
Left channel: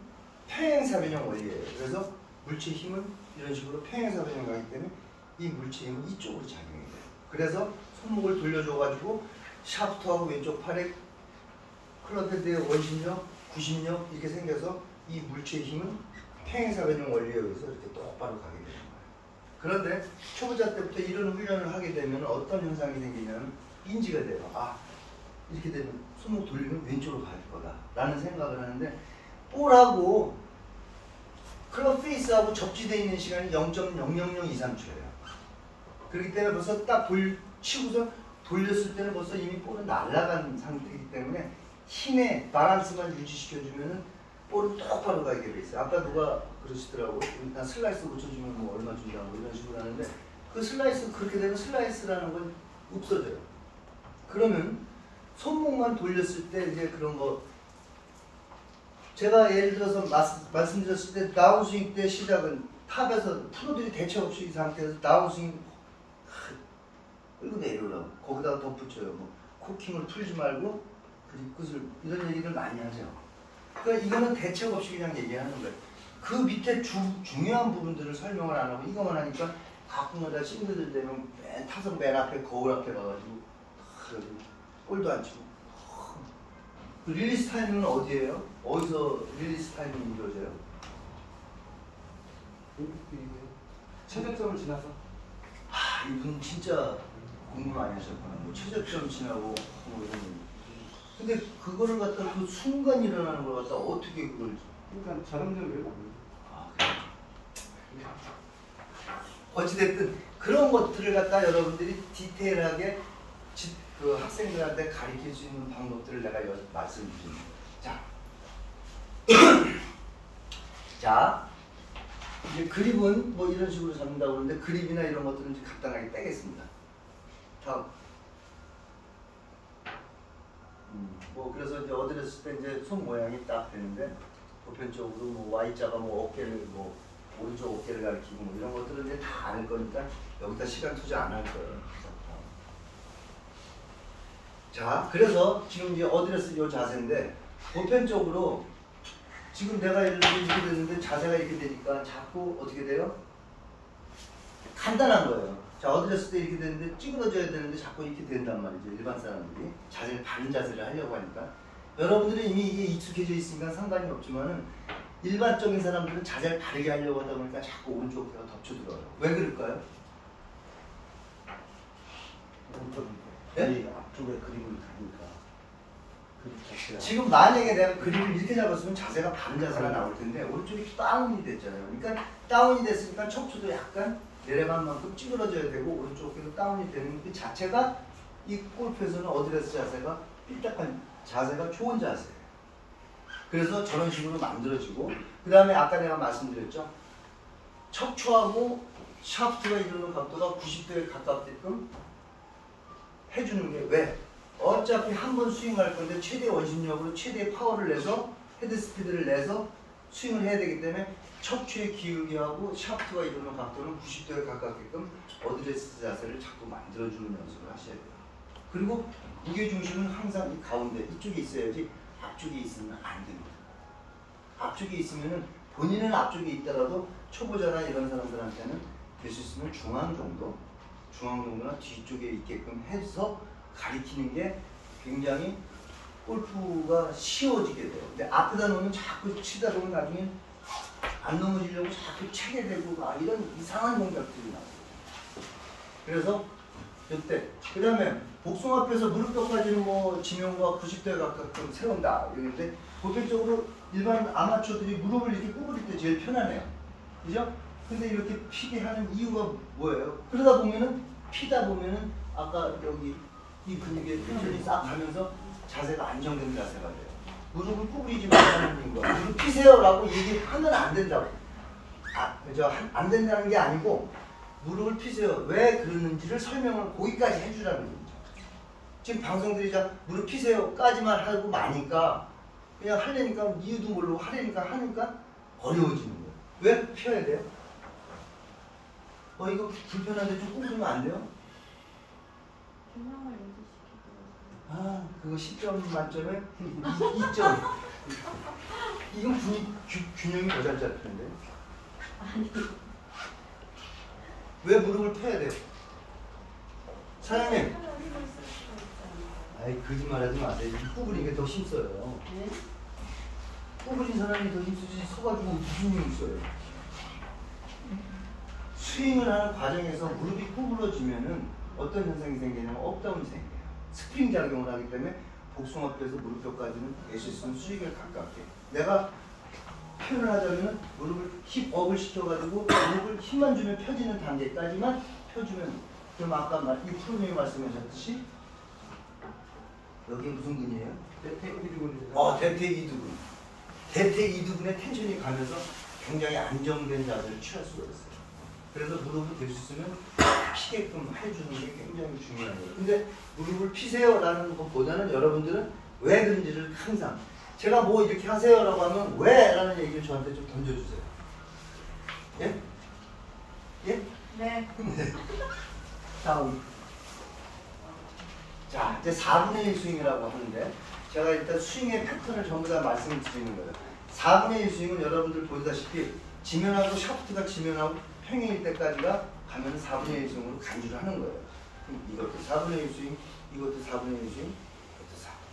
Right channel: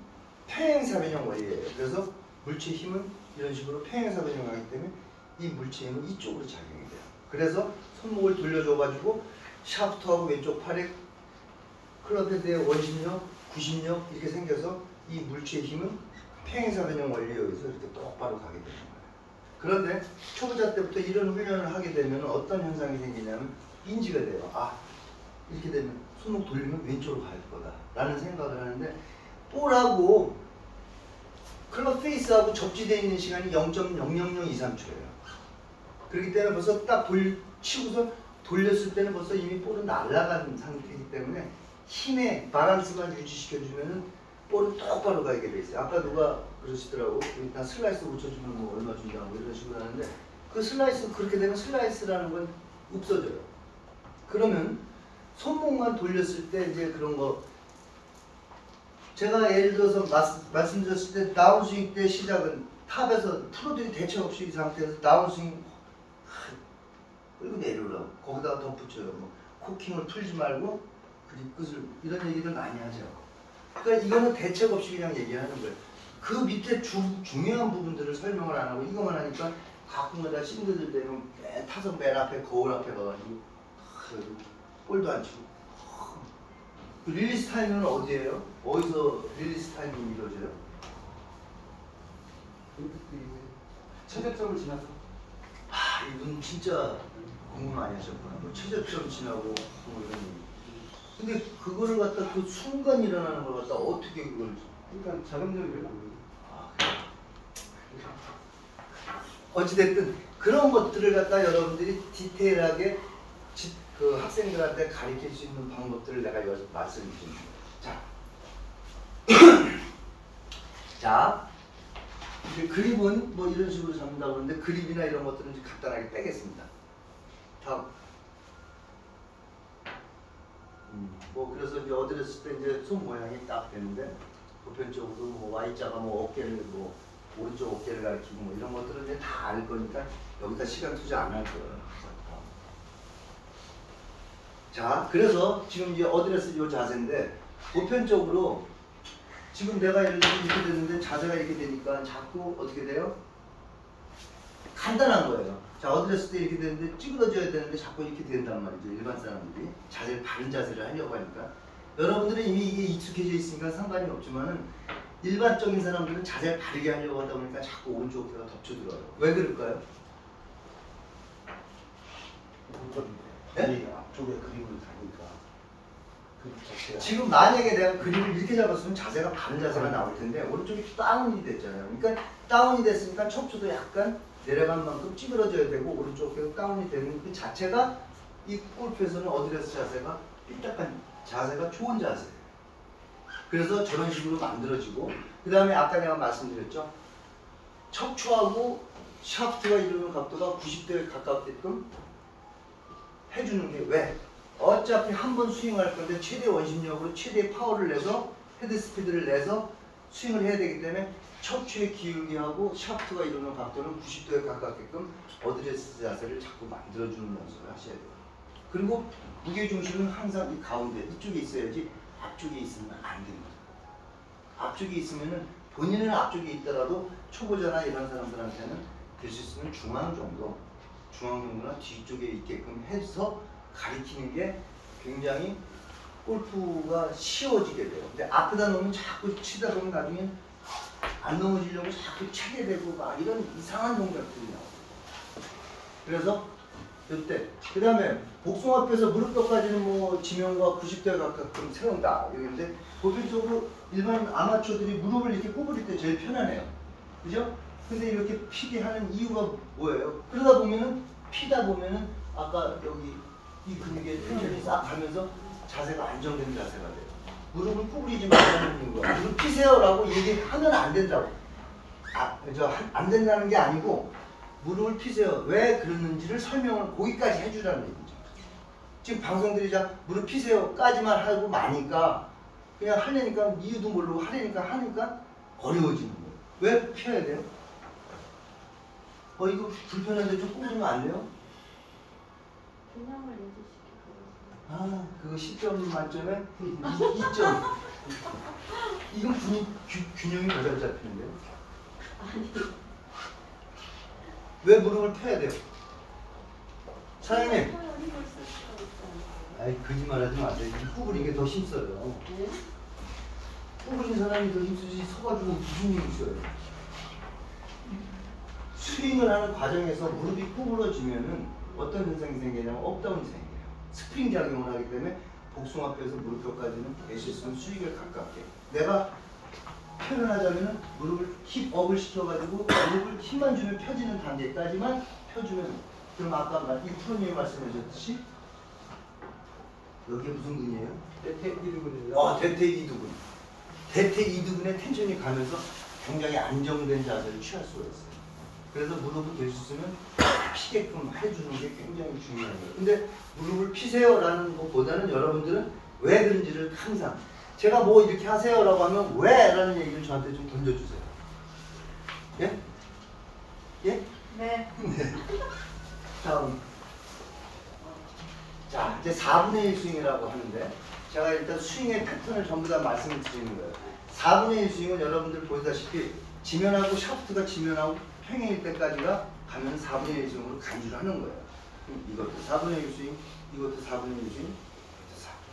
평행사변형 원리예요. 그래서 물체의 힘은 이런 식으로 평행사변형을 하기 때문에 이 물체의 힘은 이쪽으로 작용이 돼요. 그래서 손목을 돌려줘가지고 샤프트하고 왼쪽 팔에 클럽 헤드의 원심력, 구심력 이렇게 생겨서 이 물체의 힘은 평행사변형 원리에 의해서 이렇게 똑바로 가게 되는 거예요. 그런데 초보자 때부터 이런 훈련을 하게 되면 어떤 현상이 생기냐면 인지가 돼요. 이렇게 되면 손목 돌리면 왼쪽으로 갈 거다 라는 생각을 하는데 볼하고 클럽 페이스하고 접지되어 있는 시간이 0.00023초예요. 그렇기 때문에 벌써 딱 치고서 돌렸을 때는 벌써 이미 볼은 날아간 상태이기 때문에 힘의 바란스만 유지시켜주면은 볼은 똑바로 가게 돼 있어요. 아까 누가 그러시더라고. 일단 슬라이스 붙여주면 뭐 얼마 준다고 이런 식으로 하는데 그 슬라이스 그렇게 되면 슬라이스라는 건 없어져요. 그러면 손목만 돌렸을 때 이제 그런 거 제가 예를 들어서 말씀드렸을 때 다운스윙 때 시작은 탑에서 프로들이 대책 없이 이 상태에서 다운스윙 끌고 내려오라고 거기다가 덧붙여요. 뭐 코킹을 풀지 말고 그립 끝을 이런 얘기를 많이 하죠. 그러니까 이거는 대책 없이 그냥 얘기하는 거예요. 그 밑에 중요한 부분들을 설명을 안 하고 이것만 하니까 가끔가다 싱글들 되면 타석 맨 앞에 거울 앞에 가가지고 볼도 안 치고 릴리스 타이밍은 어디예요? 어디서 릴리스 타이밍이 이루어져요? 최저점을 지나서 이분 진짜 공부 많이 하셨거든요. 최저점 지나고 근데 그거를 갖다 그 순간 일어나는 걸 갖다 어떻게 그걸 그러니까 자동적으로 그래요? 어찌됐든 그런 것들을 갖다 여러분들이 디테일하게 그 학생들한테 가르칠 수 있는 방법들을 내가 말씀드리는 거예요. 자, 이제 그립은 뭐 이런 식으로 잡는다고 그러는데 그립이나 이런 것들은 이제 간단하게 빼겠습니다. 다음. 뭐 그래서 이제 어드레스 때 이제 손 모양이 딱 되는데 보편적으로 뭐 Y자가 뭐 어깨를 뭐 오른쪽 어깨를 가리키고 뭐 이런 것들을 이제 다 알 거니까 여기다 시간 투자 안 할 거예요. 자, 그래서 지금 이제 어드레스 이 자세인데 보편적으로 지금 내가 예를 들어 이렇게 됐는데 자세가 이렇게 되니까 자꾸 어떻게 돼요? 간단한 거예요. 자, 어드레스 때 이렇게 되는데 찌그러져야 되는데 자꾸 이렇게 된단 말이죠. 일반 사람들이 자세를 바른 자세를 하려고 하니까 여러분들은 이미 이게 익숙해져 있으니까 상관이 없지만은 일반적인 사람들은 자세를 바르게 하려고 하다 보니까 자꾸 오른쪽 어깨가 덮쳐들어요. 왜 그럴까요? 네? 앞쪽에 그립을 가니까 그 자체가 지금 만약에 내가 그립을 이렇게 잡았으면 자세가 바른 자세가 나올 텐데 오른쪽이 다운이 됐잖아요. 그러니까 다운이 됐으니까 척추도 약간 내려간 만큼 찌그러져야 되고 오른쪽 어깨가 다운이 되는 그 자체가 이 골프에서는 어드레스 자세가 삐딱한 자세가 좋은 자세예요. 그래서 저런 식으로 만들어지고 그 다음에 아까 내가 말씀드렸죠. 척추하고 샤프트가 이루는 각도가 90도에 가깝게끔 해주는 게 왜? 어차피 한 번 스윙할 건데 최대 원심력으로 최대 파워를 내서 헤드 스피드를 내서 스윙을 해야 되기 때문에 척추의 기울기하고 샤프트가 이루는 각도는 90도에 가깝게끔 어드레스 자세를 자꾸 만들어주는 연습을 하셔야 돼요. 그리고 무게중심은 항상 이 가운데 이쪽에 있어야지 앞쪽에 있으면 안 됩니다. 앞쪽에 있으면은 본인은 앞쪽에 있더라도 초보자나 이런 사람들한테는 될 수 있으면 중앙 정도나 뒤쪽에 있게끔 해서 가리키는 게 굉장히 골프가 쉬워지게 돼요. 근데 앞에다 놓으면 자꾸 치다 보면 나중에 안 넘어지려고 자꾸 차게 되고 막 이런 이상한 동작들이 나와요. 그래서 이때 그 다음에 복숭아뼈에서 무릎뼈까지는 뭐 지면과 90도에 가깝게 세운다 이러는데 보편적으로 일반 아마추어들이 무릎을 이렇게 구부릴 때 제일 편하네요. 그죠? 근데 이렇게 피게 하는 이유가 뭐예요? 그러다 보면은 피다 보면은 아까 여기 이 근육의 텐션이 싹 가면서 자세가 안정된 자세가 돼요. 무릎을 구부리지 말라는 이유가 무릎 피세요라고 얘기하면 안 된다고. 안 된다는 게 아니고 무릎을 피세요. 왜 그러는지를 설명을 거기까지 해주라는 얘기죠. 지금 방송들이 무릎 피세요까지만 하고 마니까 그냥 하려니까 이유도 모르고 하려니까 어려워지는 거예요. 왜 펴야 돼요? 이거 불편한데 좀 구부리면 안 돼요? 균형을 유지시키고. 그거 10점 만점에 2점. 이건 균형이 더 잘 잡히는데. 아니. 왜 무릎을 펴야 돼요? 사장님. 아이 거짓말하지 마세요. 구부리는 게 더 힘써요. 네? 구부린 사람이 더 힘쓰지 서가지고 무슨 힘이 있어요? 스윙을 하는 과정에서 무릎이 구부러지면은 어떤 현상이 생기냐면 업다운이 생겨요. 스프링 작용을 하기 때문에 복숭아뼈에서 무릎뼈까지는 될 수 있으면 수직을 가깝게. 내가 표현을 하자면은 무릎을 힙업을 시켜가지고 무릎을 힘만 주면 펴지는 단계까지만 펴주면 그럼 아까 이 프로님이 말씀하셨듯이 여기 무슨 근이에요? 대퇴이두근입니다. 대퇴이두근. 대퇴이두근의 텐션이 가면서 굉장히 안정된 자세를 취할 수가 있어요. 그래서 무릎을 될 수 있으면 피게끔 해주는 게 굉장히 중요한 거예요. 근데 무릎을 피세요라는 것보다는 여러분들은 왜 그런지를 항상 제가 뭐 이렇게 하세요라고 하면 왜? 라는 얘기를 저한테 좀 던져주세요. 예? 예? 네. 네. 다음. 자, 이제 4분의 1 스윙이라고 하는데 제가 일단 스윙의 패턴을 전부 다 말씀을 드리는 거예요. 4분의 1 스윙은 여러분들 보다시피 지면하고 샤프트가 지면하고 평행일 때까지가 가면 4분의 1 스윙으로 간주를 하는 거예요. 이것도 4분의 1 스윙, 이것도 4분의 1 스윙, 이것도 4분의 1 스윙.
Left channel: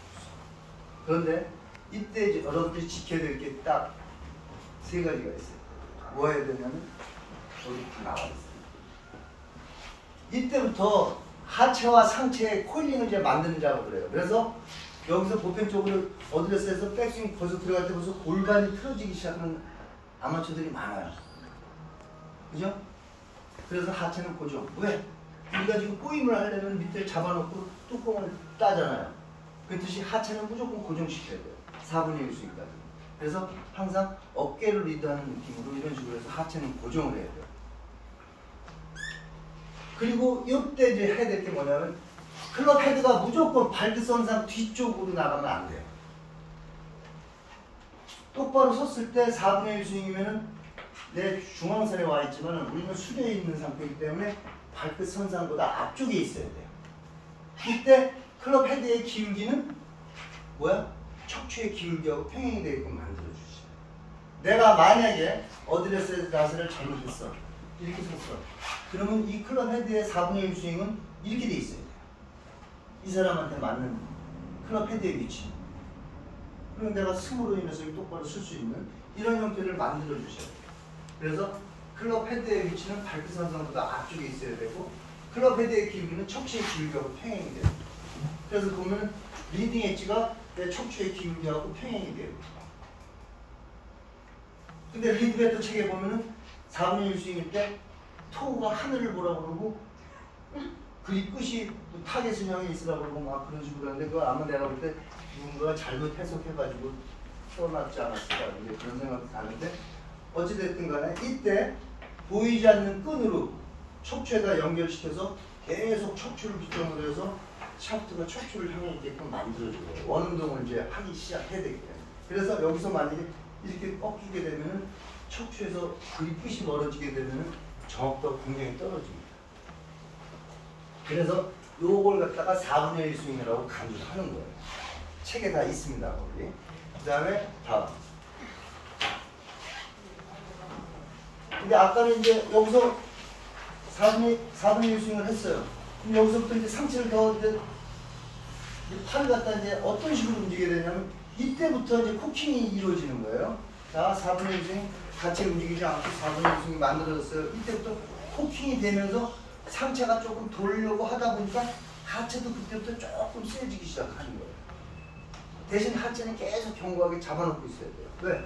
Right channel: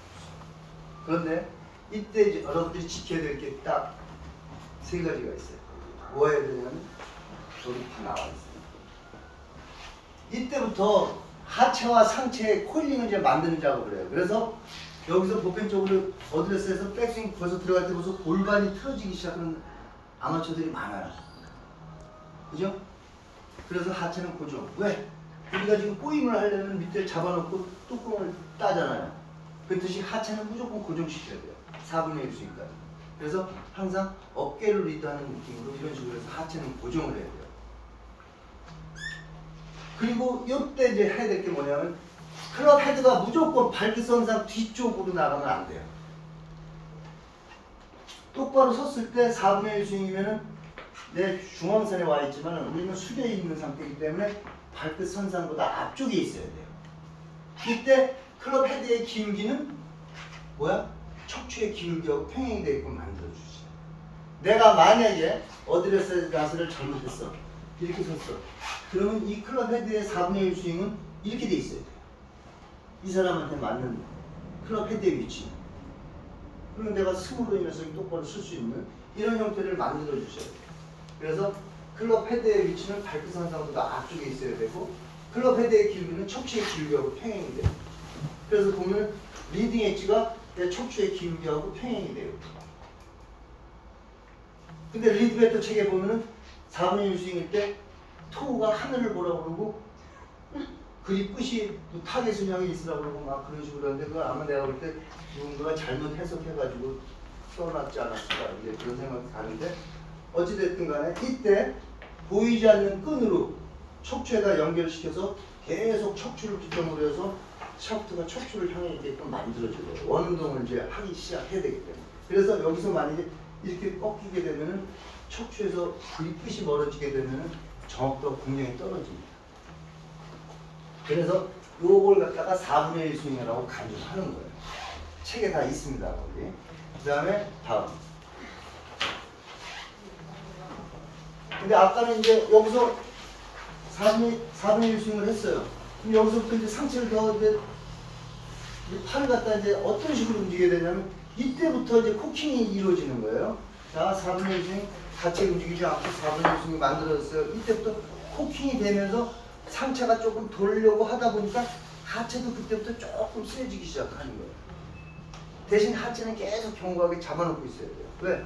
그런데 이때 이제 여러분들이 지켜야 될 게 딱 3가지가 있어요. 뭐 해야 되냐면 여기 다 나와 있어요. 이때부터 하체와 상체의 코일링을 이제 만드는 작업을 해요. 그래서 여기서 보편적으로 어드레스에서 백스윙 벌써 들어갈 때 벌써 골반이 틀어지기 시작하는 아마추어들이 많아요. 그죠? 그래서 하체는 고정. 왜? 우리가 지금 꼬임을 하려면 밑에 잡아놓고 뚜껑을 따잖아요. 그 뜻이 하체는 무조건 고정시켜야 돼요. 4분의 1 스윙까지. 그래서 항상 어깨를 리드하는 느낌으로 이런 식으로 해서 하체는 고정을 해야 돼요. 그리고 이때 이제 해야 될 게 뭐냐면 클럽 헤드가 무조건 발드선상 뒤쪽으로 나가면 안 돼요. 똑바로 섰을 때 4분의 1 스윙이면은 내 중앙선에 와 있지만 우리는 숙여 있는 상태이기 때문에 발끝 선상보다 앞쪽에 있어야 돼요. 이때 클럽 헤드의 기울기는 뭐야? 척추의 기울기하고 평행이 되게끔 만들어주지. 내가 만약에 어드레스 자세를 잘못했어. 이렇게 섰어. 그러면 이 클럽 헤드의 4분의 1 스윙은 이렇게 돼 있어야 돼요. 이 사람한테 맞는 클럽 헤드의 위치는. 그리고 내가 스으로 인해서 똑바로 쓸 수 있는 이런 형태를 만들어 주셔야 돼요. 그래서 클럽 헤드의 위치는 발끝 선상보다 앞쪽에 있어야 되고 클럽 헤드의 길이는 척추의 기울기하고 평행이 돼요. 그래서 보면 리딩 엣지가 내 척추의 기울기하고 평행이 돼요. 근데 리드 배터 책에 보면은 4분의 1 스윙일 때 토우가 하늘을 보라고 그러고 그립 끝이 타겟 형이 있으라고 그러고 막 그런 식으로 하는데 그걸 아마 내가 볼 때 누군가가 잘못 해석해가지고 써놨지 않았을까 이제 그런 생각이 가는데 어찌됐든 간에 이때 보이지 않는 끈으로 척추에다 연결시켜서 계속 척추를 기점으로 해서 샤프트가 척추를 향해 있게끔 만들어줘요. 원운동을 이제 하기 시작해야 되기 때문에. 그래서 여기서 만약에 이렇게 꺾이게 되면은 척추에서 그립 끝이 멀어지게 되면은 정확도가 굉장히 떨어집니다. 그래서 요걸 갖다가 4분의 1 스윙이라고 강조를 하는 거예요. 책에 다 있습니다. 거기. 그 다음에 다음. 근데 아까는 이제 여기서 4분의 1 스윙을 했어요. 그럼 여기서부터 이제 상체를 더 팔을 갖다 이제 어떤 식으로 움직이게 되냐면 이때부터 이제 코킹이 이루어지는 거예요. 자, 4분의 1 스윙 같이 움직이지 않고 4분의 1 스윙이 만들어졌어요. 이때부터 코킹이 되면서 상체가 조금 돌려고 하다 보니까 하체도 그때부터 조금 세지기 시작하는 거예요. 대신 하체는 계속 견고하게 잡아놓고 있어야 돼요. 왜?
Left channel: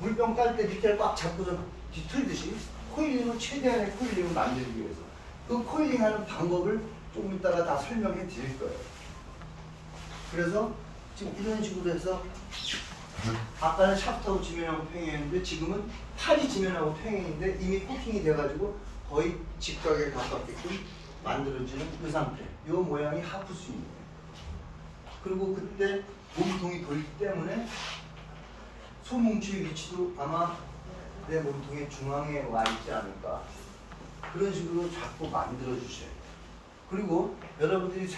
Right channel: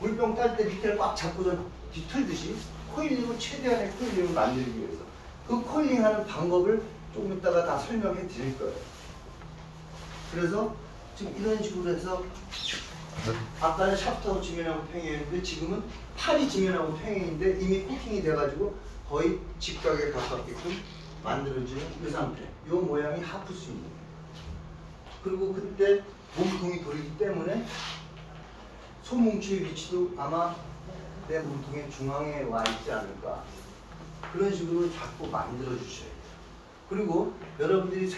물병 딸 때 밑에를 꽉 잡고서 뒤틀듯이 코일링을 최대한의 코일링을 만들기 위해서 그 코일링하는 방법을 조금 이따가 다 설명해 드릴 거예요. 그래서 지금 이런 식으로 해서 아까는 샤프트하고 지면하고 평행했는데 지금은 팔이 지면하고 평행인데 이미 코팅이 돼가지고 거의 직각에 가깝게끔 만들어지는 이 상태. 이 모양이 하프 스윙이에요. 그리고 그때 몸통이 돌기 때문에 손뭉치의 위치도 아마 내 몸통의 중앙에 와 있지 않을까. 그런 식으로 자꾸 만들어 주셔야 돼요. 그리고 여러분들이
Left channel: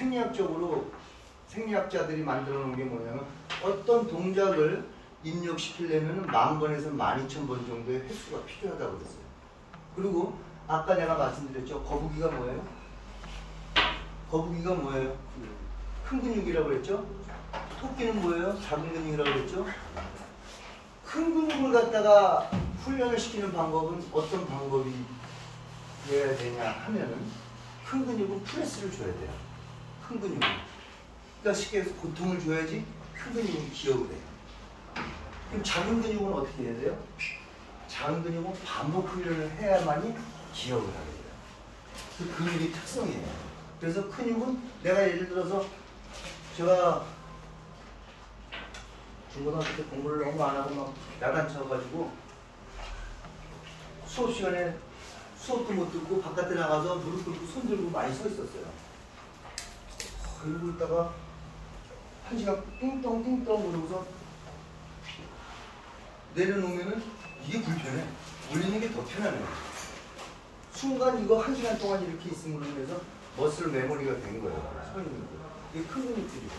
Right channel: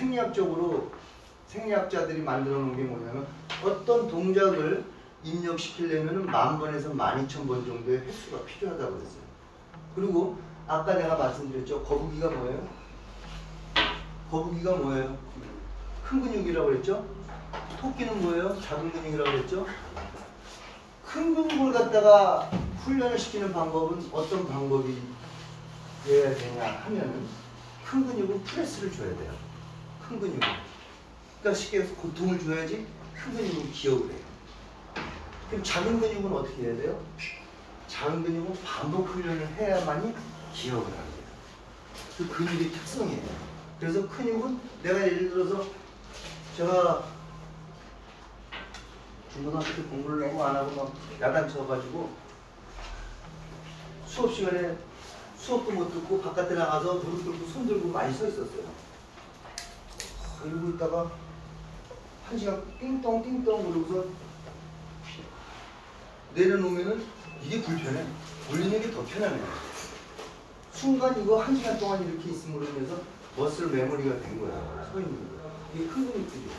생리학자들이 만들어 놓은 게 뭐냐면 어떤 동작을 입력시키려면 10,000번에서 12,000번 정도의 횟수가 필요하다고 그랬어요. 그리고 아까 내가 말씀드렸죠. 거북이가 뭐예요? 거북이가 뭐예요? 큰 근육이라고 그랬죠? 토끼는 뭐예요? 작은 근육이라고 그랬죠? 큰 근육을 갖다가 훈련을 시키는 방법은 어떤 방법이 되어야 되냐 하면은 큰 근육은 프레스를 줘야 돼요. 큰 근육은. 그러니까 쉽게 해서 고통을 줘야지 큰 근육은 기억을 해요. 그럼 작은 근육은 어떻게 해야 돼요? 작은 근육은 반복 훈련을 해야만이 기억을 하게 돼요. 그 근육의 특성이에요. 그래서 근육은 내가 예를 들어서 제가 중고등학교 때 공부를 너무 안 하고 막 야단쳐가지고 수업 시간에 수업도 못 듣고 바깥에 나가서 무릎 들고 손 들고 많이 서 있었어요. 그러고 있다가 한 시간 띵동 그러고서 내려놓으면은 이게 불편해. 올리는 게 더 편하네. 순간 이거 한 시간 동안 이렇게 있음으로 인해서 머슬 메모리가 된 거예요. 서 있는 거. 이게 큰 근육들이에요.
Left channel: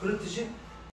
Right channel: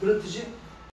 그렇듯이